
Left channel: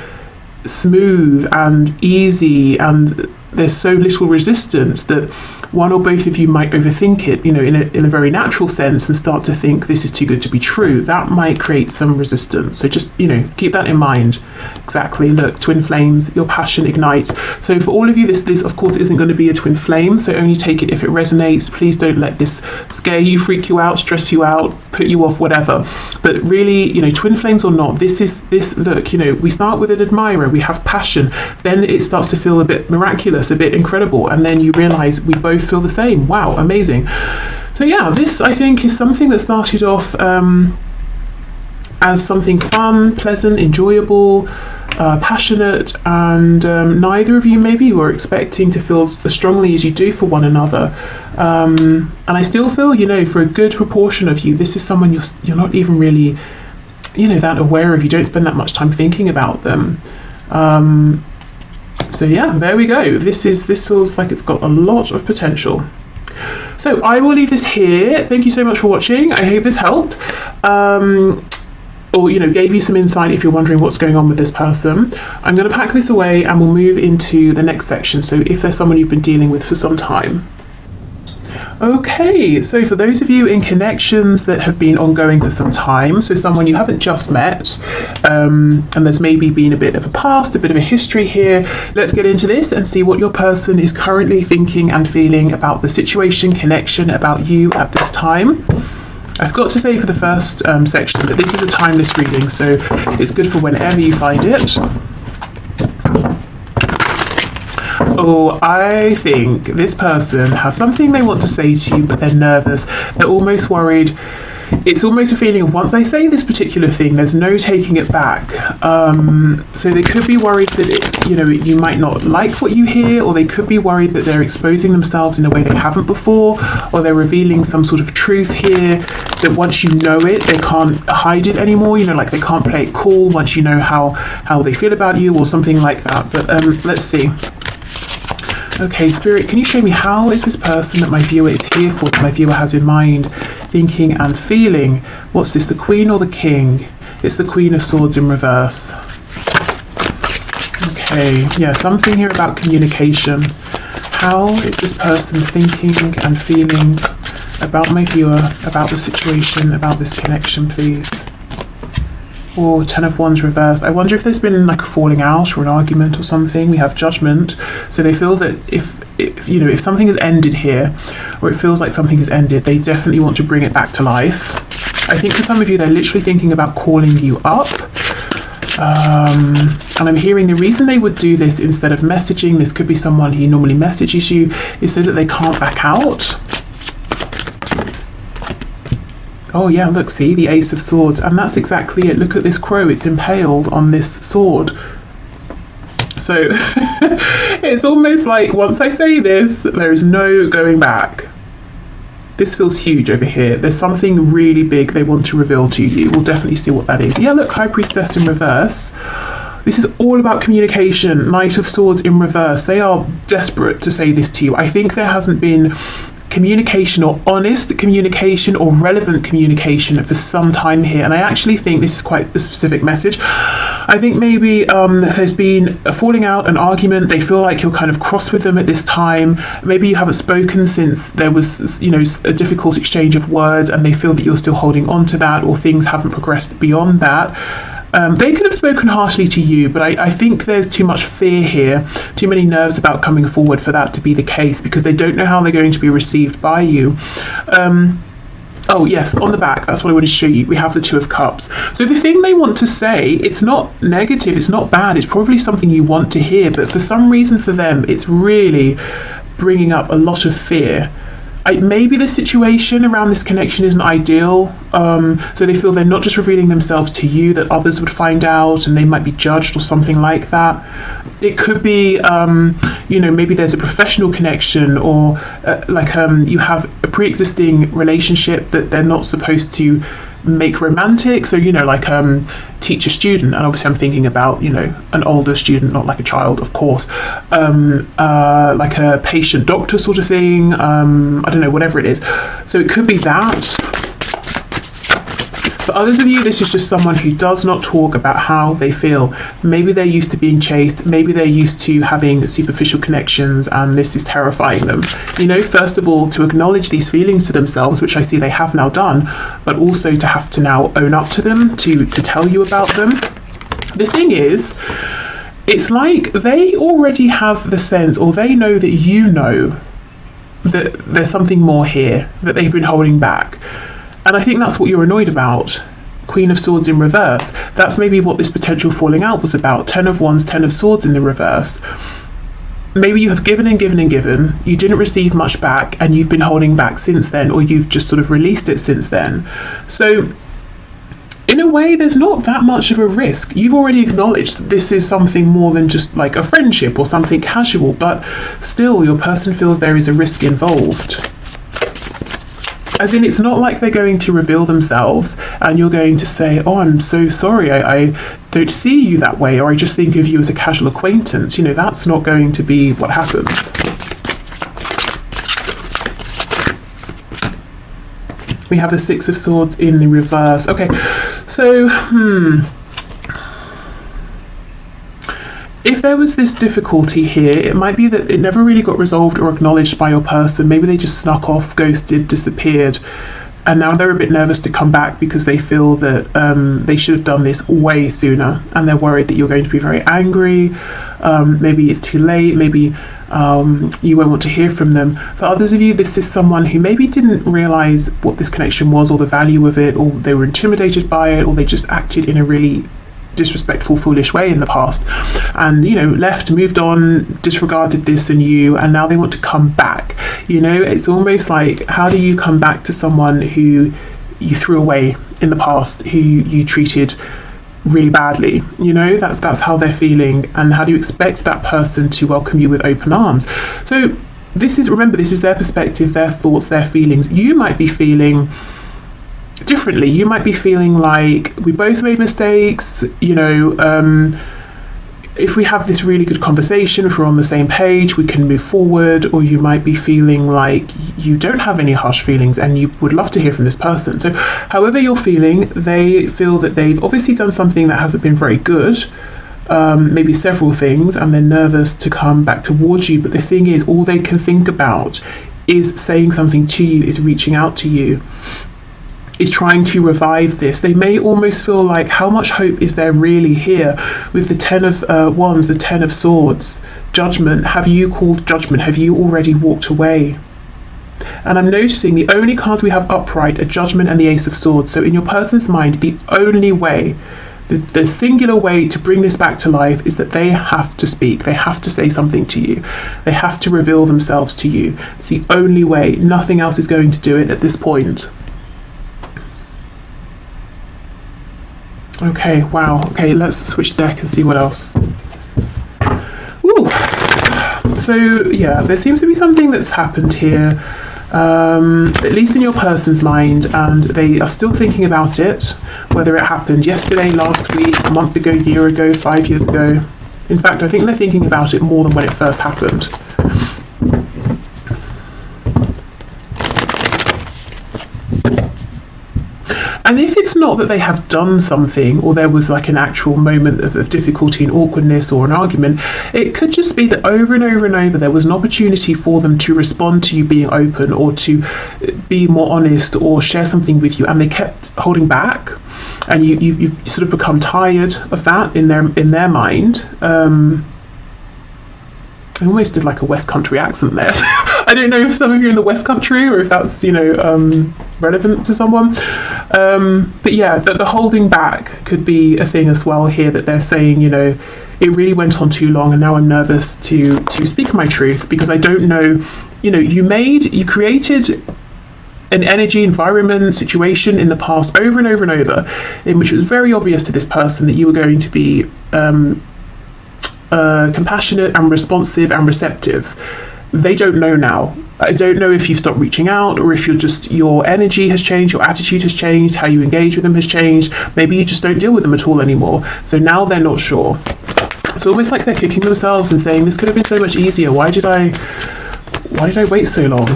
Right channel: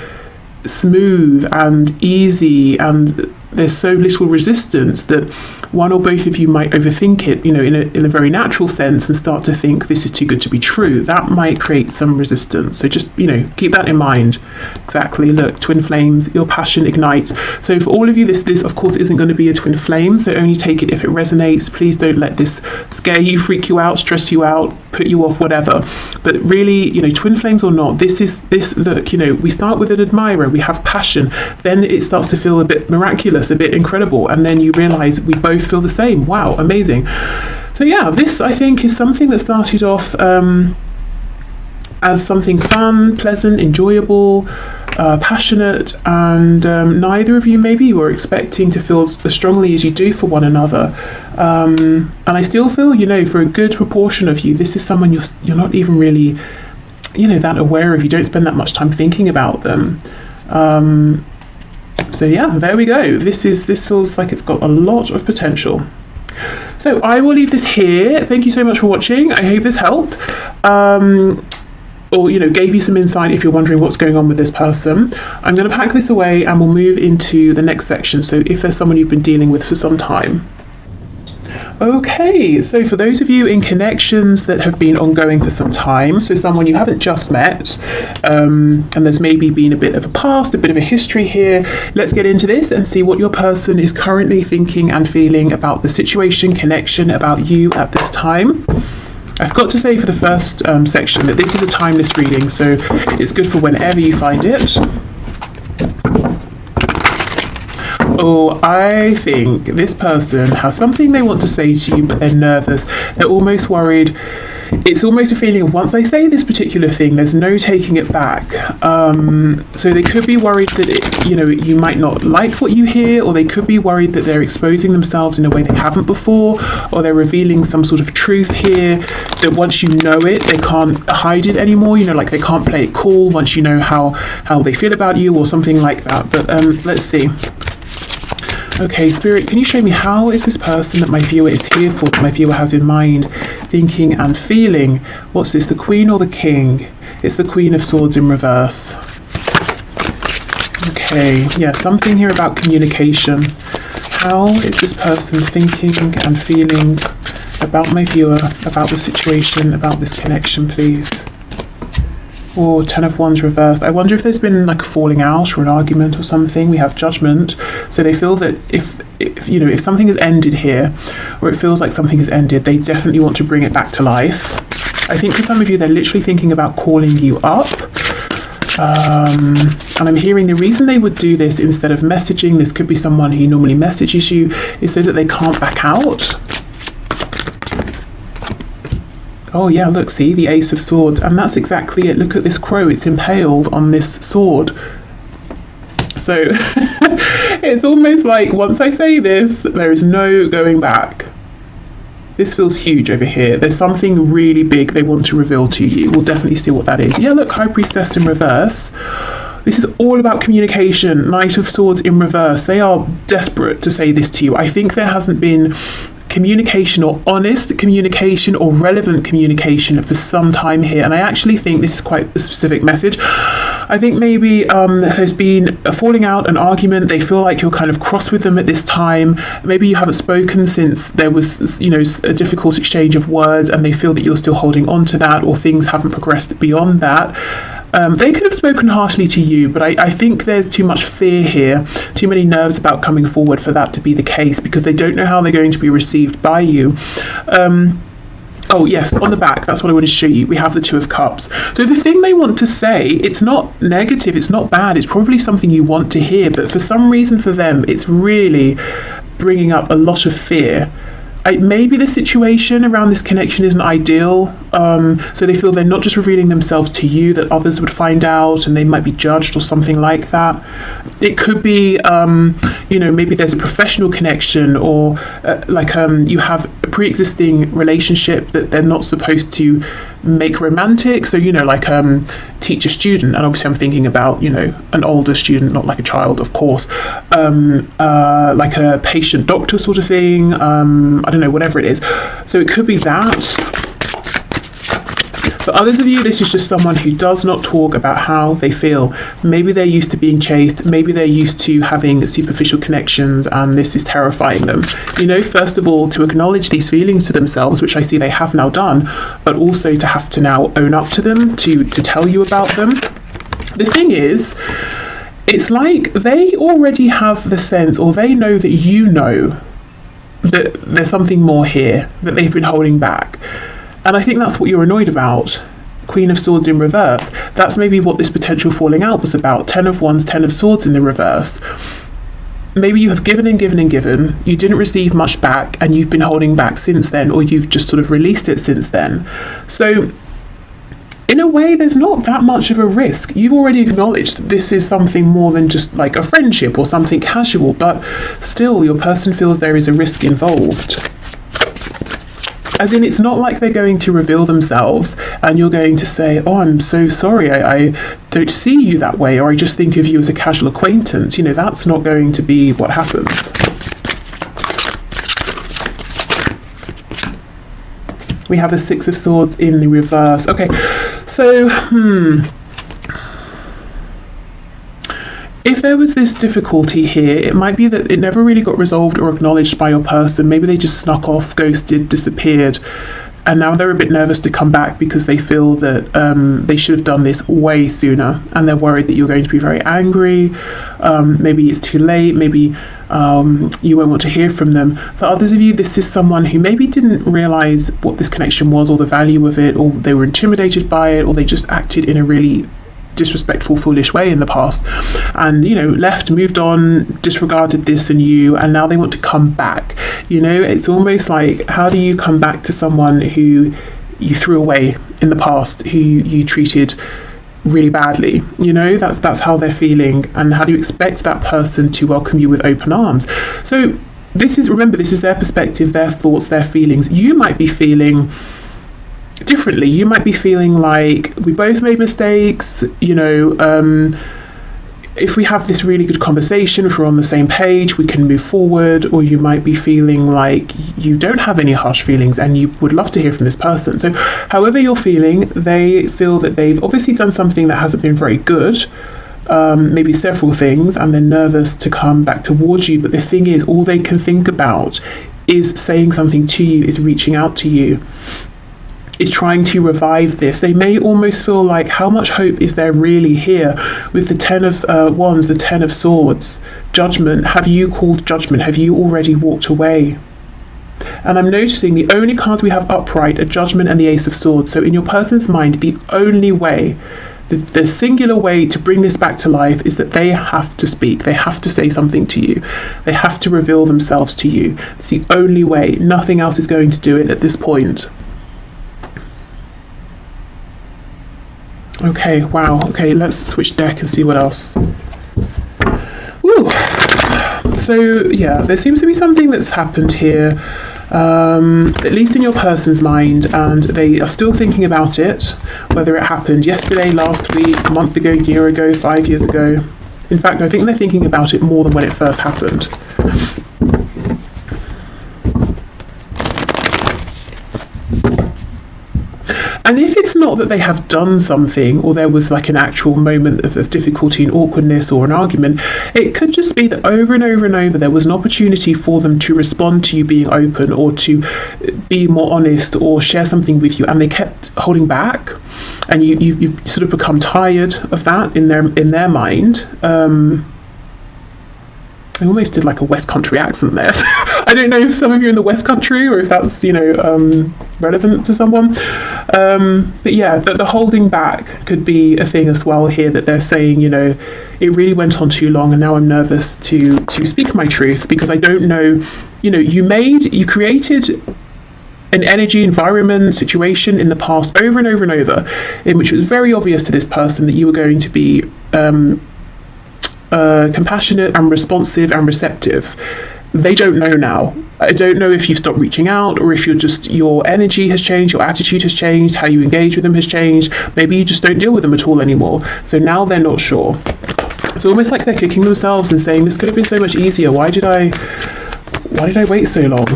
smooth and easy, and there's so little resistance that one or both of you might overthink it, you know, in a very natural sense, and start to think this is too good to be true. That might create some resistance. So just, you know, keep that in mind. Exactly. Look, twin flames, your passion ignites. So for all of you, this of course isn't going to be a twin flame, so only take it if it resonates. Please don't let this scare you, freak you out, stress you out, put you off, whatever. But really, you know, twin flames or not, this, look, you know, we start with an admirer, we have passion, then it starts to feel a bit miraculous, a bit incredible, and then you realize we both feel the same. Wow, amazing. So yeah, this I think is something that started off as something fun, pleasant, enjoyable, passionate, and neither of you maybe were expecting to feel as strongly as you do for one another. And I still feel, you know, for a good proportion of you, this is someone you're not even really, you know, that aware of. You don't spend that much time thinking about them. So yeah, there we go. This feels like it's got a lot of potential. So I will leave this here. Thank you so much for watching. I hope this helped. Or, you know, gave you some insight if you're wondering what's going on with this person. I'm going to pack this away and we'll move into the next section. So if there's someone you've been dealing with for some time. Okay, so for those of you in connections that have been ongoing for some time, so someone you haven't just met, and there's maybe been a bit of a past, a bit of a history here, let's get into this and see what your person is currently thinking and feeling about the situation, connection, about you at this time. I've got to say for the first section that this is a timeless reading, so it's good for whenever you find it. Oh, I think this person has something they want to say to you, but they're nervous. They're almost worried. It's almost a feeling of, once I say this particular thing, there's no taking it back. So they could be worried that, you know, you might not like what you hear, or they could be worried that they're exposing themselves in a way they haven't before, or they're revealing some sort of truth here that once you know it, they can't hide it anymore. You know, like they can't play it cool once you know how they feel about you, or something like that. But let's see. Okay, Spirit, can you show me how is this person that my viewer is here for, that my viewer has in mind, thinking and feeling? What's this, the Queen or the King? It's the Queen of Swords in reverse. Okay, yeah, something here about communication. How is this person thinking and feeling about my viewer, about the situation, about this connection, please? Or 10 of Wands reversed. I wonder if there's been like a falling out or an argument or something. We have Judgment. So they feel that if you know, if something has ended here, or it feels like something has ended, they definitely want to bring it back to life. I think for some of you, they're literally thinking about calling you up. And I'm hearing the reason they would do this instead of messaging, this could be someone who normally messages you, is so that they can't back out. Oh yeah, look, see, the Ace of Swords, and that's exactly it. Look at this crow, it's impaled on this sword. So it's almost like once I say this, there is no going back. This feels huge over here. There's something really big they want to reveal to you. We'll definitely see what that is. Yeah, look, High Priestess in reverse. This is all about communication. Knight of Swords in reverse. They are desperate to say this to you. I think there hasn't been communication, or honest communication, or relevant communication for some time here, and I actually think this is quite a specific message. I think maybe there's been a falling out, an argument. They feel like you're kind of cross with them at this time. Maybe you haven't spoken since there was, you know, a difficult exchange of words, and they feel that you're still holding on to that, or things haven't progressed beyond that. They could have spoken harshly to you, but I think there's too much fear here, too many nerves about coming forward for that to be the case, because they don't know how they're going to be received by you. Oh yes, on the back, that's what I wanted to show you. We have the Two of Cups. So the thing they want to say, it's not negative, it's not bad, it's probably something you want to hear, but for some reason for them, it's really bringing up a lot of fear. Maybe the situation around this connection isn't ideal, so they feel they're not just revealing themselves to you, that others would find out and they might be judged or something like that. It could be, maybe there's a professional connection, or you have a pre-existing relationship that they're not supposed to make romantic. So teacher student, and obviously I'm thinking about an older student, not like a child, of course, like a patient doctor sort of thing, I don't know, whatever it is. So it could be that. For others of you, this is just someone who does not talk about how they feel. Maybe they're used to being chased, maybe they're used to having superficial connections, and this is terrifying them. First of all, to acknowledge these feelings to themselves, which I see they have now done, but also to have to now own up to them, to tell you about them. The thing is, it's like they already have the sense, or they know that you know that there's something more here that they've been holding back. And I think that's what you're annoyed about. Queen of Swords in reverse. That's maybe what this potential falling out was about. 10 of Wands, 10 of Swords in the reverse. Maybe you have given and given and given. You didn't receive much back, and you've been holding back since then, or you've just sort of released it since then. So in a way, there's not that much of a risk. You've already acknowledged that this is something more than just like a friendship or something casual, but still your person feels there is a risk involved. As in, it's not like they're going to reveal themselves and you're going to say, oh, I'm so sorry, I don't see you that way, or I just think of you as a casual acquaintance. That's not going to be what happens. We have a Six of Swords in the reverse. Okay, so, if there was this difficulty here, it might be that it never really got resolved or acknowledged by your person. Maybe they just snuck off, ghosted, disappeared, and now they're a bit nervous to come back because they feel that they should have done this way sooner, and they're worried that you're going to be very angry. Maybe it's too late, maybe you won't want to hear from them. For others of you, this is someone who maybe didn't realise what this connection was or the value of it, or they were intimidated by it, or they just acted in a really disrespectful, foolish way in the past, and left, moved on, disregarded this and you, and now they want to come back. It's almost like, how do you come back to someone who you threw away in the past, who you treated really badly? That's how they're feeling, and how do you expect that person to welcome you with open arms? So remember, this is their perspective, their thoughts, their feelings. You might be feeling differently. You might be feeling like, we both made mistakes, if we have this really good conversation, if we're on the same page, we can move forward. Or you might be feeling like you don't have any harsh feelings and you would love to hear from this person. So however you're feeling, they feel that they've obviously done something that hasn't been very good, maybe several things, and they're nervous to come back towards you. But the thing is, all they can think about is saying something to you, is reaching out to you, is trying to revive this. They may almost feel like, how much hope is there really here? With the 10 of Wands, the 10 of Swords, Judgment. Have you called judgment? Have you already walked away? And I'm noticing the only cards we have upright are Judgment and the Ace of Swords. So in your person's mind, the only way, the singular way to bring this back to life is that they have to speak. They have to say something to you. They have to reveal themselves to you. It's the only way. Nothing else is going to do it at this point. Okay, wow. Okay, let's switch deck and see what else. Woo. So, yeah, there seems to be something that's happened here, at least in your person's mind, and they are still thinking about it, whether it happened yesterday, last week, a month ago, year ago, 5 years ago. In fact, I think they're thinking about it more than when it first happened. And if it's not that they have done something, or there was like an actual moment of difficulty and awkwardness or an argument, it could just be that over and over and over there was an opportunity for them to respond to you being open, or to be more honest, or share something with you, and they kept holding back, and you've sort of become tired of that in their mind. I almost did like a West Country accent there. I don't know if some of you are in the West Country or if that's, relevant to someone. But yeah, the holding back could be a thing as well here, that they're saying, it really went on too long and now I'm nervous to speak my truth, because I don't know, you created an energy, environment, situation in the past over and over and over, in which it was very obvious to this person that you were going to be compassionate and responsive and receptive. They don't know now. I don't know if you've stopped reaching out, or if your energy has changed, your attitude has changed, how you engage with them has changed. Maybe you just don't deal with them at all anymore. So now they're not sure. It's almost like they're kicking themselves and saying, this could have been so much easier. Why did I wait so long?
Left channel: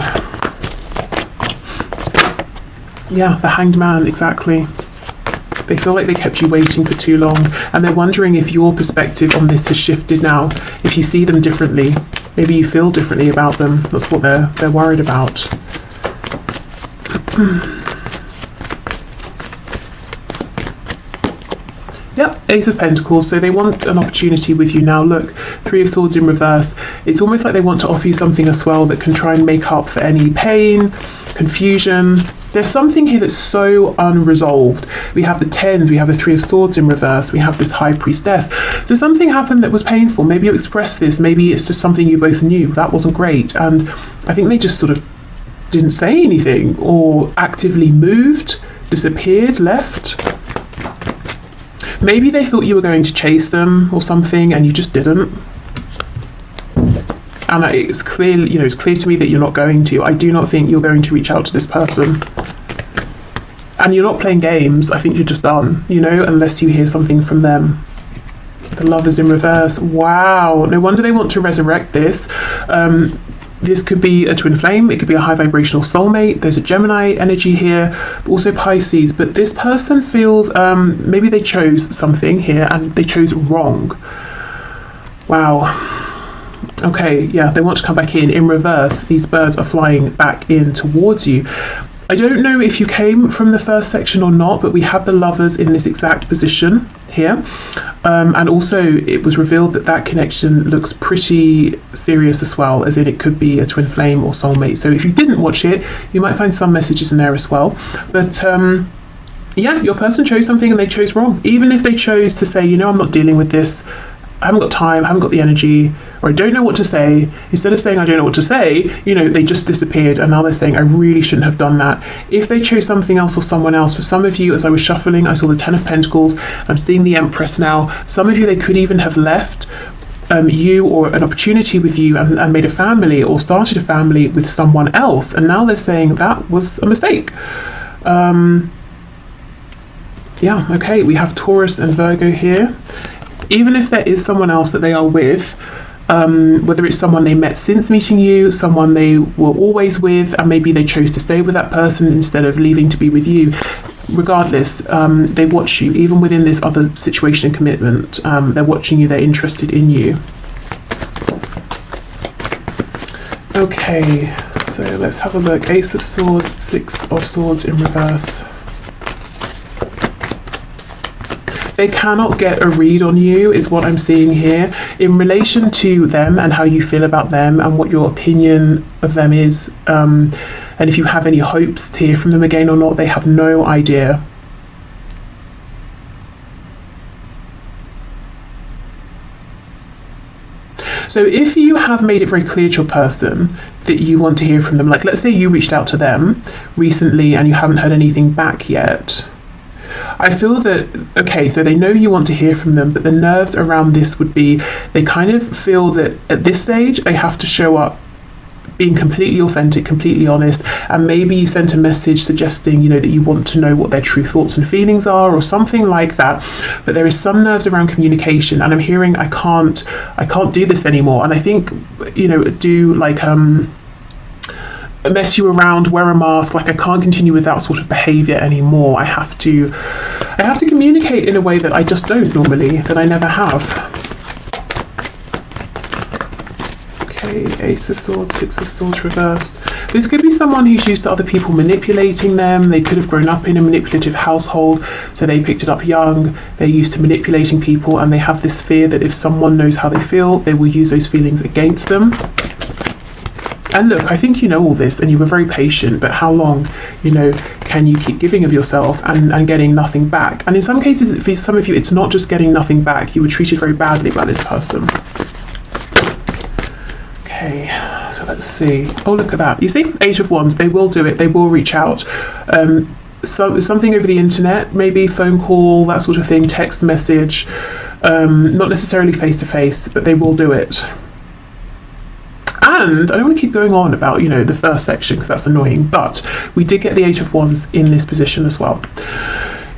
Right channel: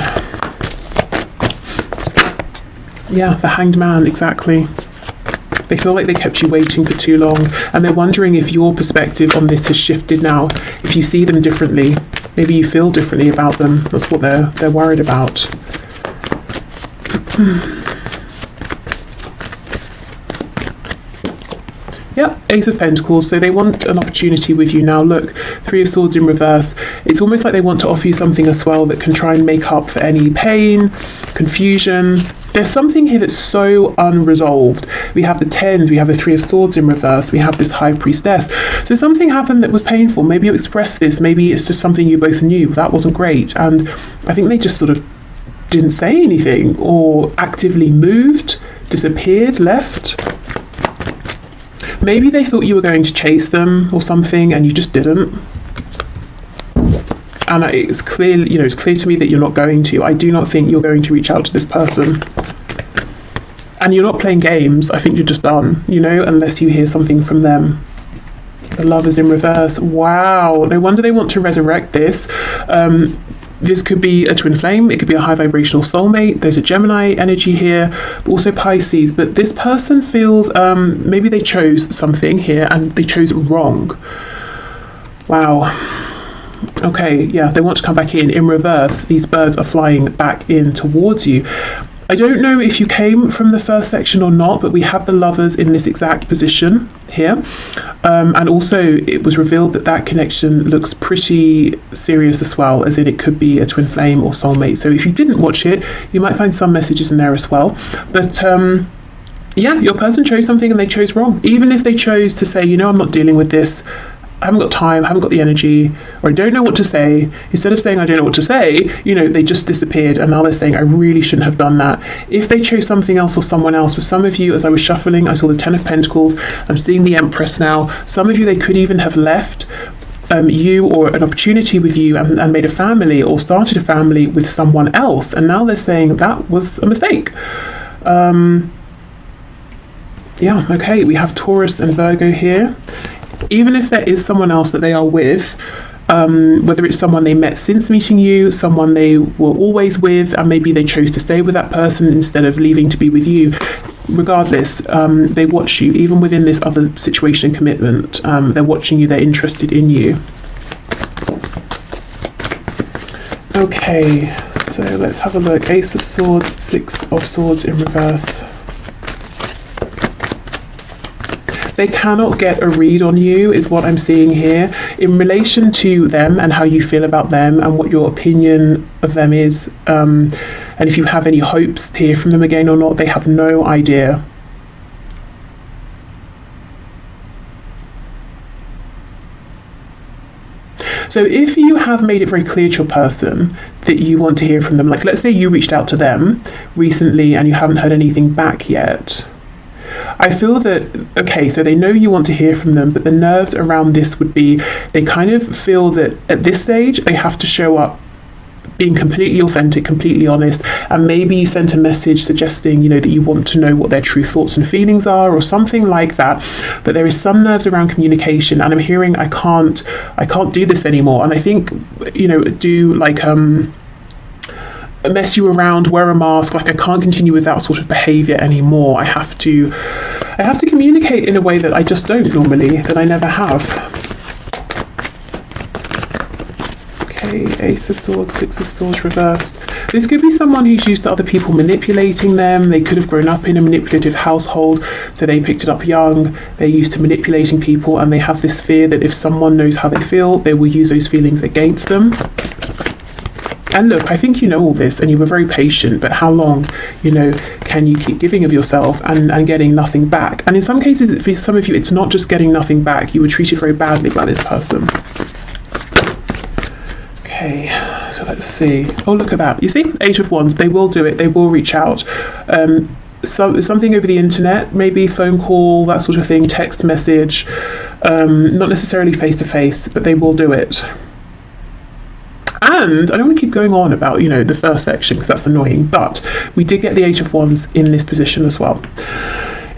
Yeah, the Hanged Man, exactly. They feel like they kept you waiting for too long, and they're wondering if your perspective on this has shifted now, if you see them differently. Maybe you feel differently about them. That's what they're worried about. Yep, Ace of Pentacles. So they want an opportunity with you now. Look, Three of Swords in reverse. It's almost like they want to offer you something as well that can try and make up for any pain, confusion. There's something here that's so unresolved. We have the Tens, we have the Three of Swords in reverse, we have this High Priestess. So something happened that was painful. Maybe you expressed this, maybe it's just something you both knew. That wasn't great. And I think they just sort of didn't say anything, or actively moved, disappeared, left. Maybe they thought you were going to chase them or something and you just didn't. And it's clear, it's clear to me that you're not going to. I do not think you're going to reach out to this person. And you're not playing games. I think you're just done, unless you hear something from them. The Lovers in reverse. Wow. No wonder they want to resurrect this. This could be a twin flame. It could be a high vibrational soulmate. There's a Gemini energy here, also Pisces. But this person feels maybe they chose something here and they chose wrong. Wow. Okay, yeah, they want to come back in reverse. These birds are flying back in towards you. I don't know if you came from the first section or not, but we have the Lovers in this exact position here. And also it was revealed that connection looks pretty serious as well, as in it could be a twin flame or soulmate. So if you didn't watch it, you might find some messages in there as well. But yeah, your person chose something and they chose wrong. Even if they chose to say, I'm not dealing with this, I haven't got time, I haven't got the energy, or I don't know what to say. Instead of saying I don't know what to say, they just disappeared, and now they're saying I really shouldn't have done that. If they chose something else or someone else, for some of you, as I was shuffling, I saw the Ten of Pentacles, I'm seeing the Empress now. Some of you, they could even have left you or an opportunity with you and made a family or started a family with someone else, and now they're saying that was a mistake. Yeah, okay, we have Taurus and Virgo here. Even if there is someone else that they are with, whether it's someone they met since meeting you, someone they were always with, and maybe they chose to stay with that person instead of leaving to be with you, regardless, they watch you, even within this other situation and commitment. They're watching you, they're interested in you. Okay, so let's have a look. Ace of Swords, Six of Swords in reverse. They cannot get a read on you, is what I'm seeing here, in relation to them and how you feel about them and what your opinion of them is. And if you have any hopes to hear from them again or not, they have no idea. So if you have made it very clear to your person that you want to hear from them, like let's say you reached out to them recently and you haven't heard anything back yet, I feel that, okay, so they know you want to hear from them, but the nerves around this would be, they kind of feel that at this stage they have to show up being completely authentic, completely honest, and maybe you sent a message suggesting, that you want to know what their true thoughts and feelings are or something like that. But there is some nerves around communication, and I'm hearing I can't do this anymore. And I think, do like mess you around, wear a mask, like I can't continue with that sort of behavior anymore. I have to communicate in a way that I just don't normally, that I never have. Okay, Ace of Swords, Six of Swords reversed. This could be someone who's used to other people manipulating them. They could have grown up in a manipulative household, so they picked it up young. They're used to manipulating people, and they have this fear that if someone knows how they feel, they will use those feelings against them. And look, I think you know all this and you were very patient, but how long, you know, can you keep giving of yourself and getting nothing back? And in some cases, for some of you, it's not just getting nothing back. You were treated very badly by this person. Okay, so let's see. Oh, look at that. You see? 8 of Wands. They will do it. They will reach out. So something over the internet, maybe phone call, that sort of thing, text message, not necessarily face to face, but they will do it. And I don't want to keep going on about, you know, the first section because that's annoying, but we did get the 8 of Wands in this position as well,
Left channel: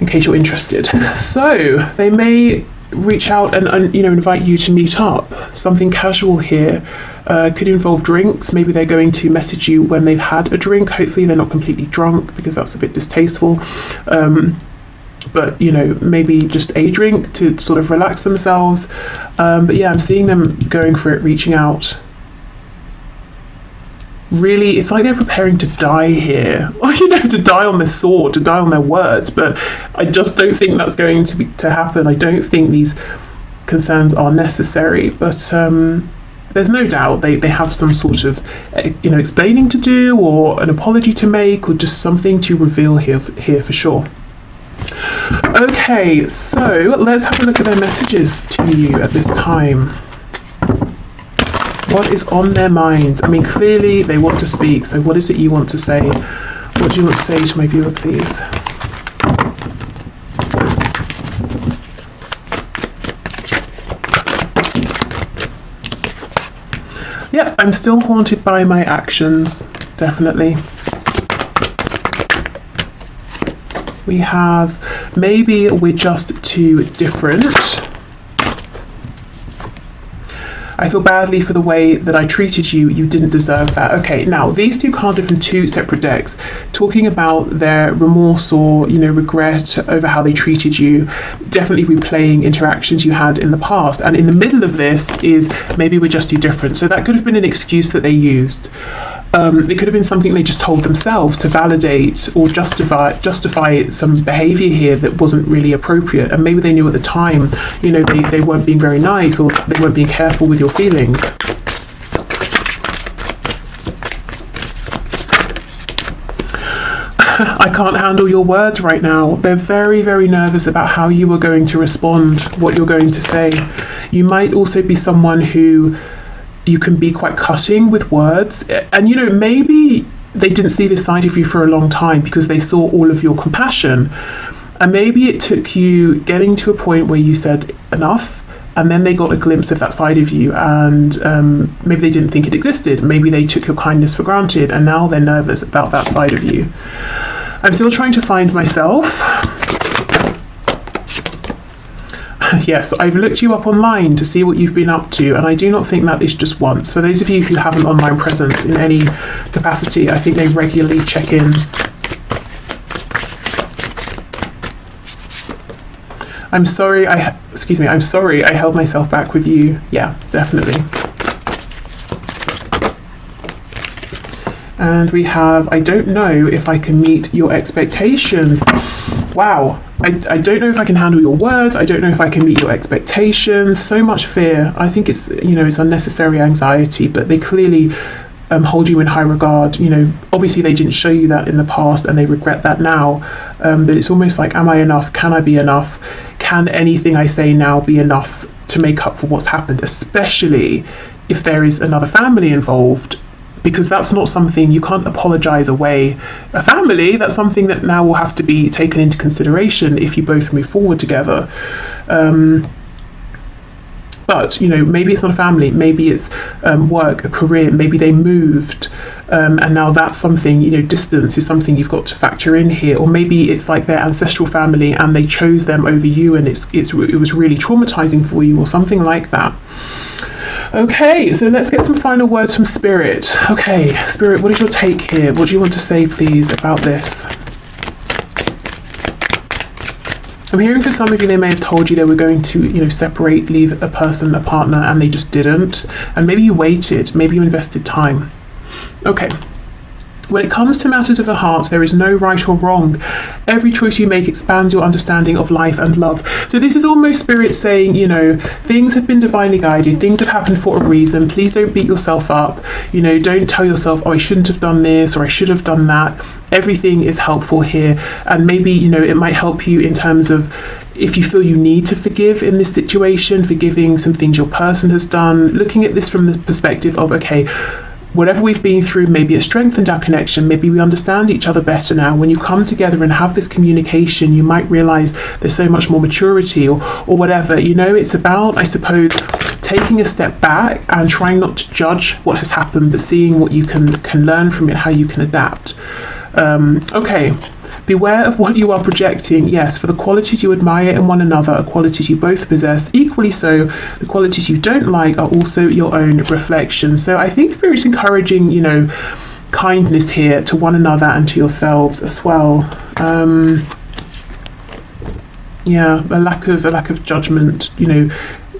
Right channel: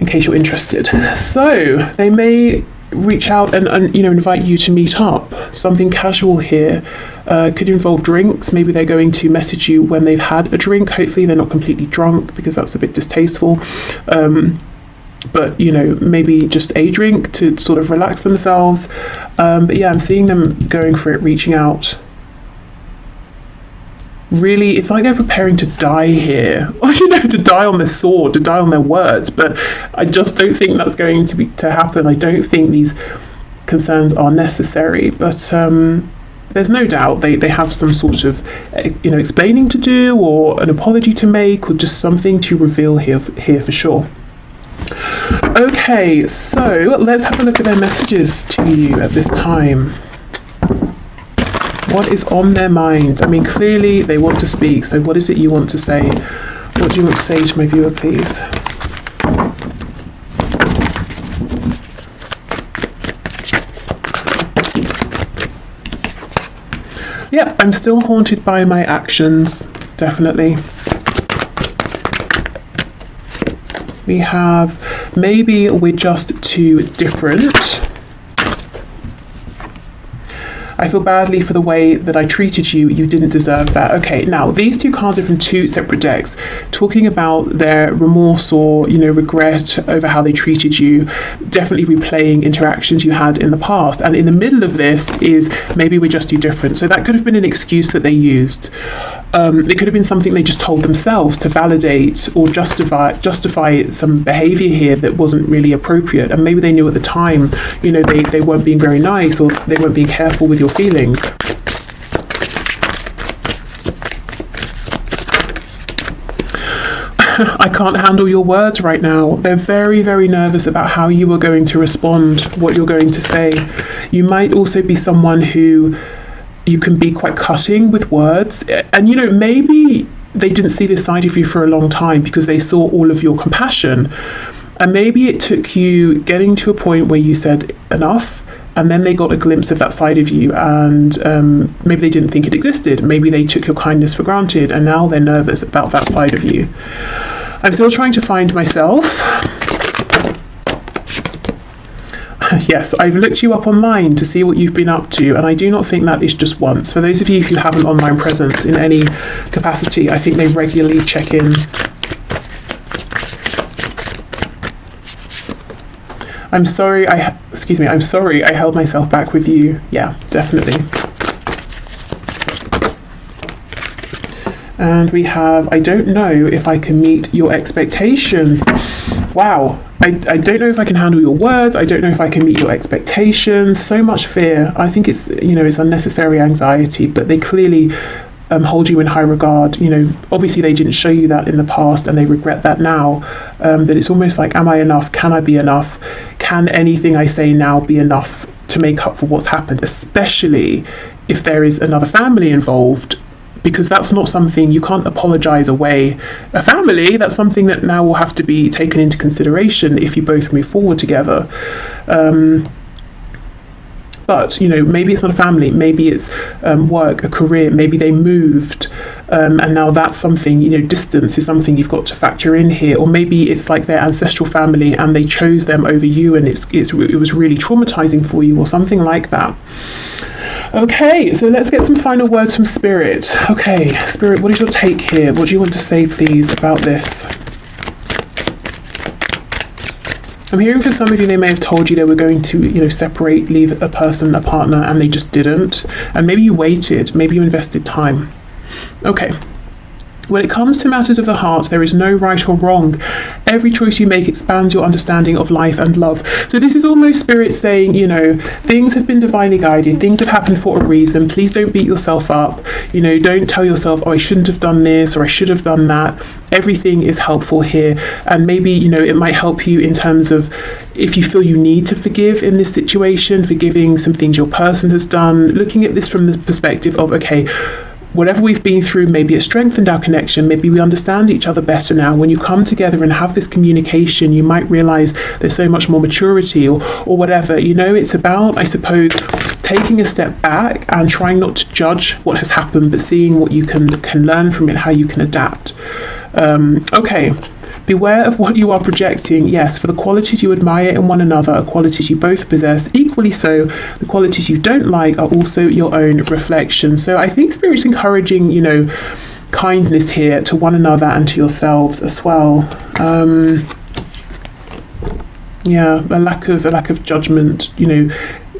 in case you're interested. So they may reach out and you know, invite you to meet up. Something casual here. Could involve drinks. Maybe they're going to message you when they've had a drink. Hopefully they're not completely drunk, because that's a bit distasteful. But you know, maybe just a drink to sort of relax themselves. But yeah, I'm seeing them going for it, reaching out. Really, it's like they're preparing to die here, or you know, to die on the sword, to die on their words. But I just don't think that's going to happen. I don't think these concerns are necessary. But there's no doubt they have some sort of, you know, explaining to do, or an apology to make, or just something to reveal here for sure. Okay, so let's have a look at their messages to you at this time. What is on their mind? I mean, clearly they want to speak, so what is it you want to say? What do you want to say to my viewer, please? Yeah, I'm still haunted by my actions, definitely. We have, maybe we're just too different. I feel badly for the way that I treated you. You didn't deserve that. Okay, now these two cards are from two separate decks, talking about their remorse or, you know, regret over how they treated you, definitely replaying interactions you had in the past. And in the middle of this is maybe we're just too different. So that could have been an excuse that they used. It could have been something they just told themselves to validate or justify some behavior here that wasn't really appropriate, and maybe they knew at the time, you know, they weren't being very nice, or they weren't being careful with your feelings. I can't handle your words right now. They're very, very nervous about how you are going to respond, what you're going to say. You might also be someone who you can be quite cutting with words, and you know, maybe they didn't see this side of you for a long time because they saw all of your compassion, and maybe it took you getting to a point where you said enough, and then they got a glimpse of that side of you, and maybe they didn't think it existed. Maybe they took your kindness for granted, and now they're nervous about that side of you. I'm still trying to find myself. Yes, I've looked you up online to see what you've been up to, and I do not think that is just once. For those of you who have an online presence in any capacity, I think they regularly check in. I'm sorry I held myself back with you. Yeah, definitely. And we have, I don't know if I can meet your expectations. Wow, I don't know if I can handle your words. I don't know if I can meet your expectations. So much fear. I think it's, you know, it's unnecessary anxiety, but they clearly hold you in high regard. You know, obviously they didn't show you that in the past, and they regret that now. That it's almost like, am I enough? Can I be enough? Can anything I say now be enough to make up for what's happened, especially if there is another family involved? Because that's not something, you can't apologize away a family. That's something that now will have to be taken into consideration if you both move forward together. But, you know, maybe it's not a family, maybe it's work, a career, maybe they moved, and now that's something, you know, distance is something you've got to factor in here. Or maybe it's like their ancestral family and they chose them over you, and it was really traumatizing for you, or something like that. Okay, so let's get some final words from Spirit. Okay, Spirit, what is your take here? What do you want to say, please, about this? I'm hearing for some of you, they may have told you they were going to, you know, separate, leave a person, a partner, and they just didn't. And maybe you waited, maybe you invested time. Okay. When it comes to matters of the heart, there is no right or wrong. Every choice you make expands your understanding of life and love. So this is almost Spirit saying, you know, things have been divinely guided, things have happened for a reason. Please don't beat yourself up. You know, don't tell yourself, oh, I shouldn't have done this or I should have done that. Everything is helpful here. And maybe, you know, it might help you in terms of if you feel you need to forgive in this situation, forgiving some things your person has done, looking at this from the perspective of, okay, whatever we've been through, maybe it strengthened our connection, maybe we understand each other better now. When you come together and have this communication, you might realise there's so much more maturity or whatever. You know, it's about, I suppose, taking a step back and trying not to judge what has happened, but seeing what you can learn from it, how you can adapt. Okay. Beware of what you are projecting. Yes, for the qualities you admire in one another are qualities you both possess. Equally so, the qualities you don't like are also your own reflection. So I think Spirit's encouraging, you know, kindness here to one another and to yourselves as well. Yeah, a lack of judgment. You know,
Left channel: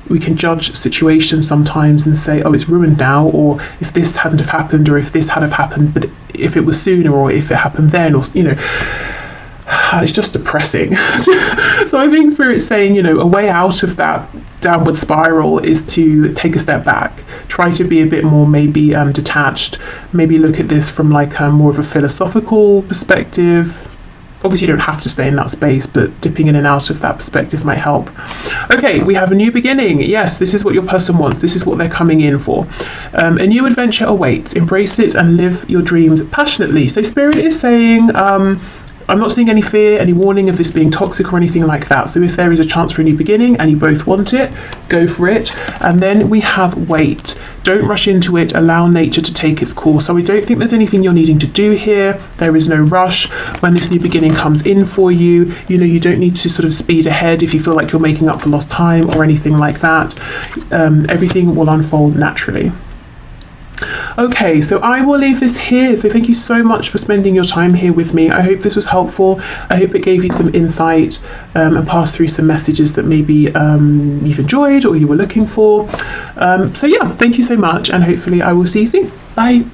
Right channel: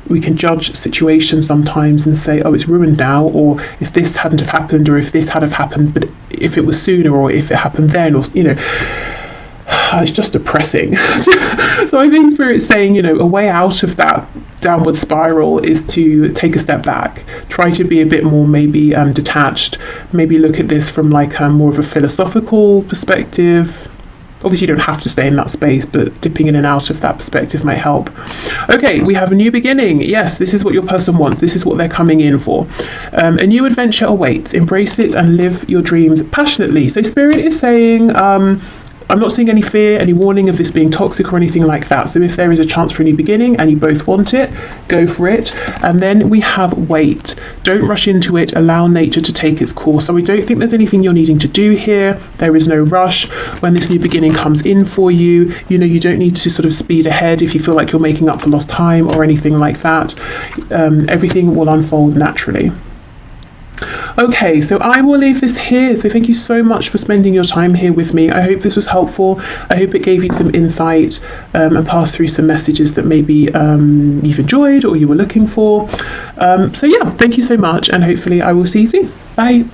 we can judge situations sometimes and say, oh, it's ruined now, or if this hadn't have happened, or if this had have happened, but if it was sooner, or if it happened then, or, you know, it's just depressing. So I think Spirit's saying, you know, a way out of that downward spiral is to take a step back, try to be a bit more maybe detached, maybe look at this from like more of a philosophical perspective. Obviously you don't have to stay in that space, but dipping in and out of that perspective might help. Okay, we have a new beginning. Yes, this is what your person wants. This is what they're coming in for. A new adventure awaits. Embrace it and live your dreams passionately. So Spirit is saying, I'm not seeing any fear, any warning of this being toxic or anything like that. So if there is a chance for a new beginning and you both want it, go for it. And then we have wait. Don't rush into it. Allow nature to take its course. So we don't think there's anything you're needing to do here. There is no rush. When this new beginning comes in for you, you know, you don't need to sort of speed ahead if you feel like you're making up for lost time or anything like that. Everything will unfold naturally. Okay, so I will leave this here. So thank you so much for spending your time here with me. I hope this was helpful. I hope it gave you some insight and passed through some messages that maybe you've enjoyed or you were looking for. So yeah, thank you so much, and hopefully I will see you soon. Bye.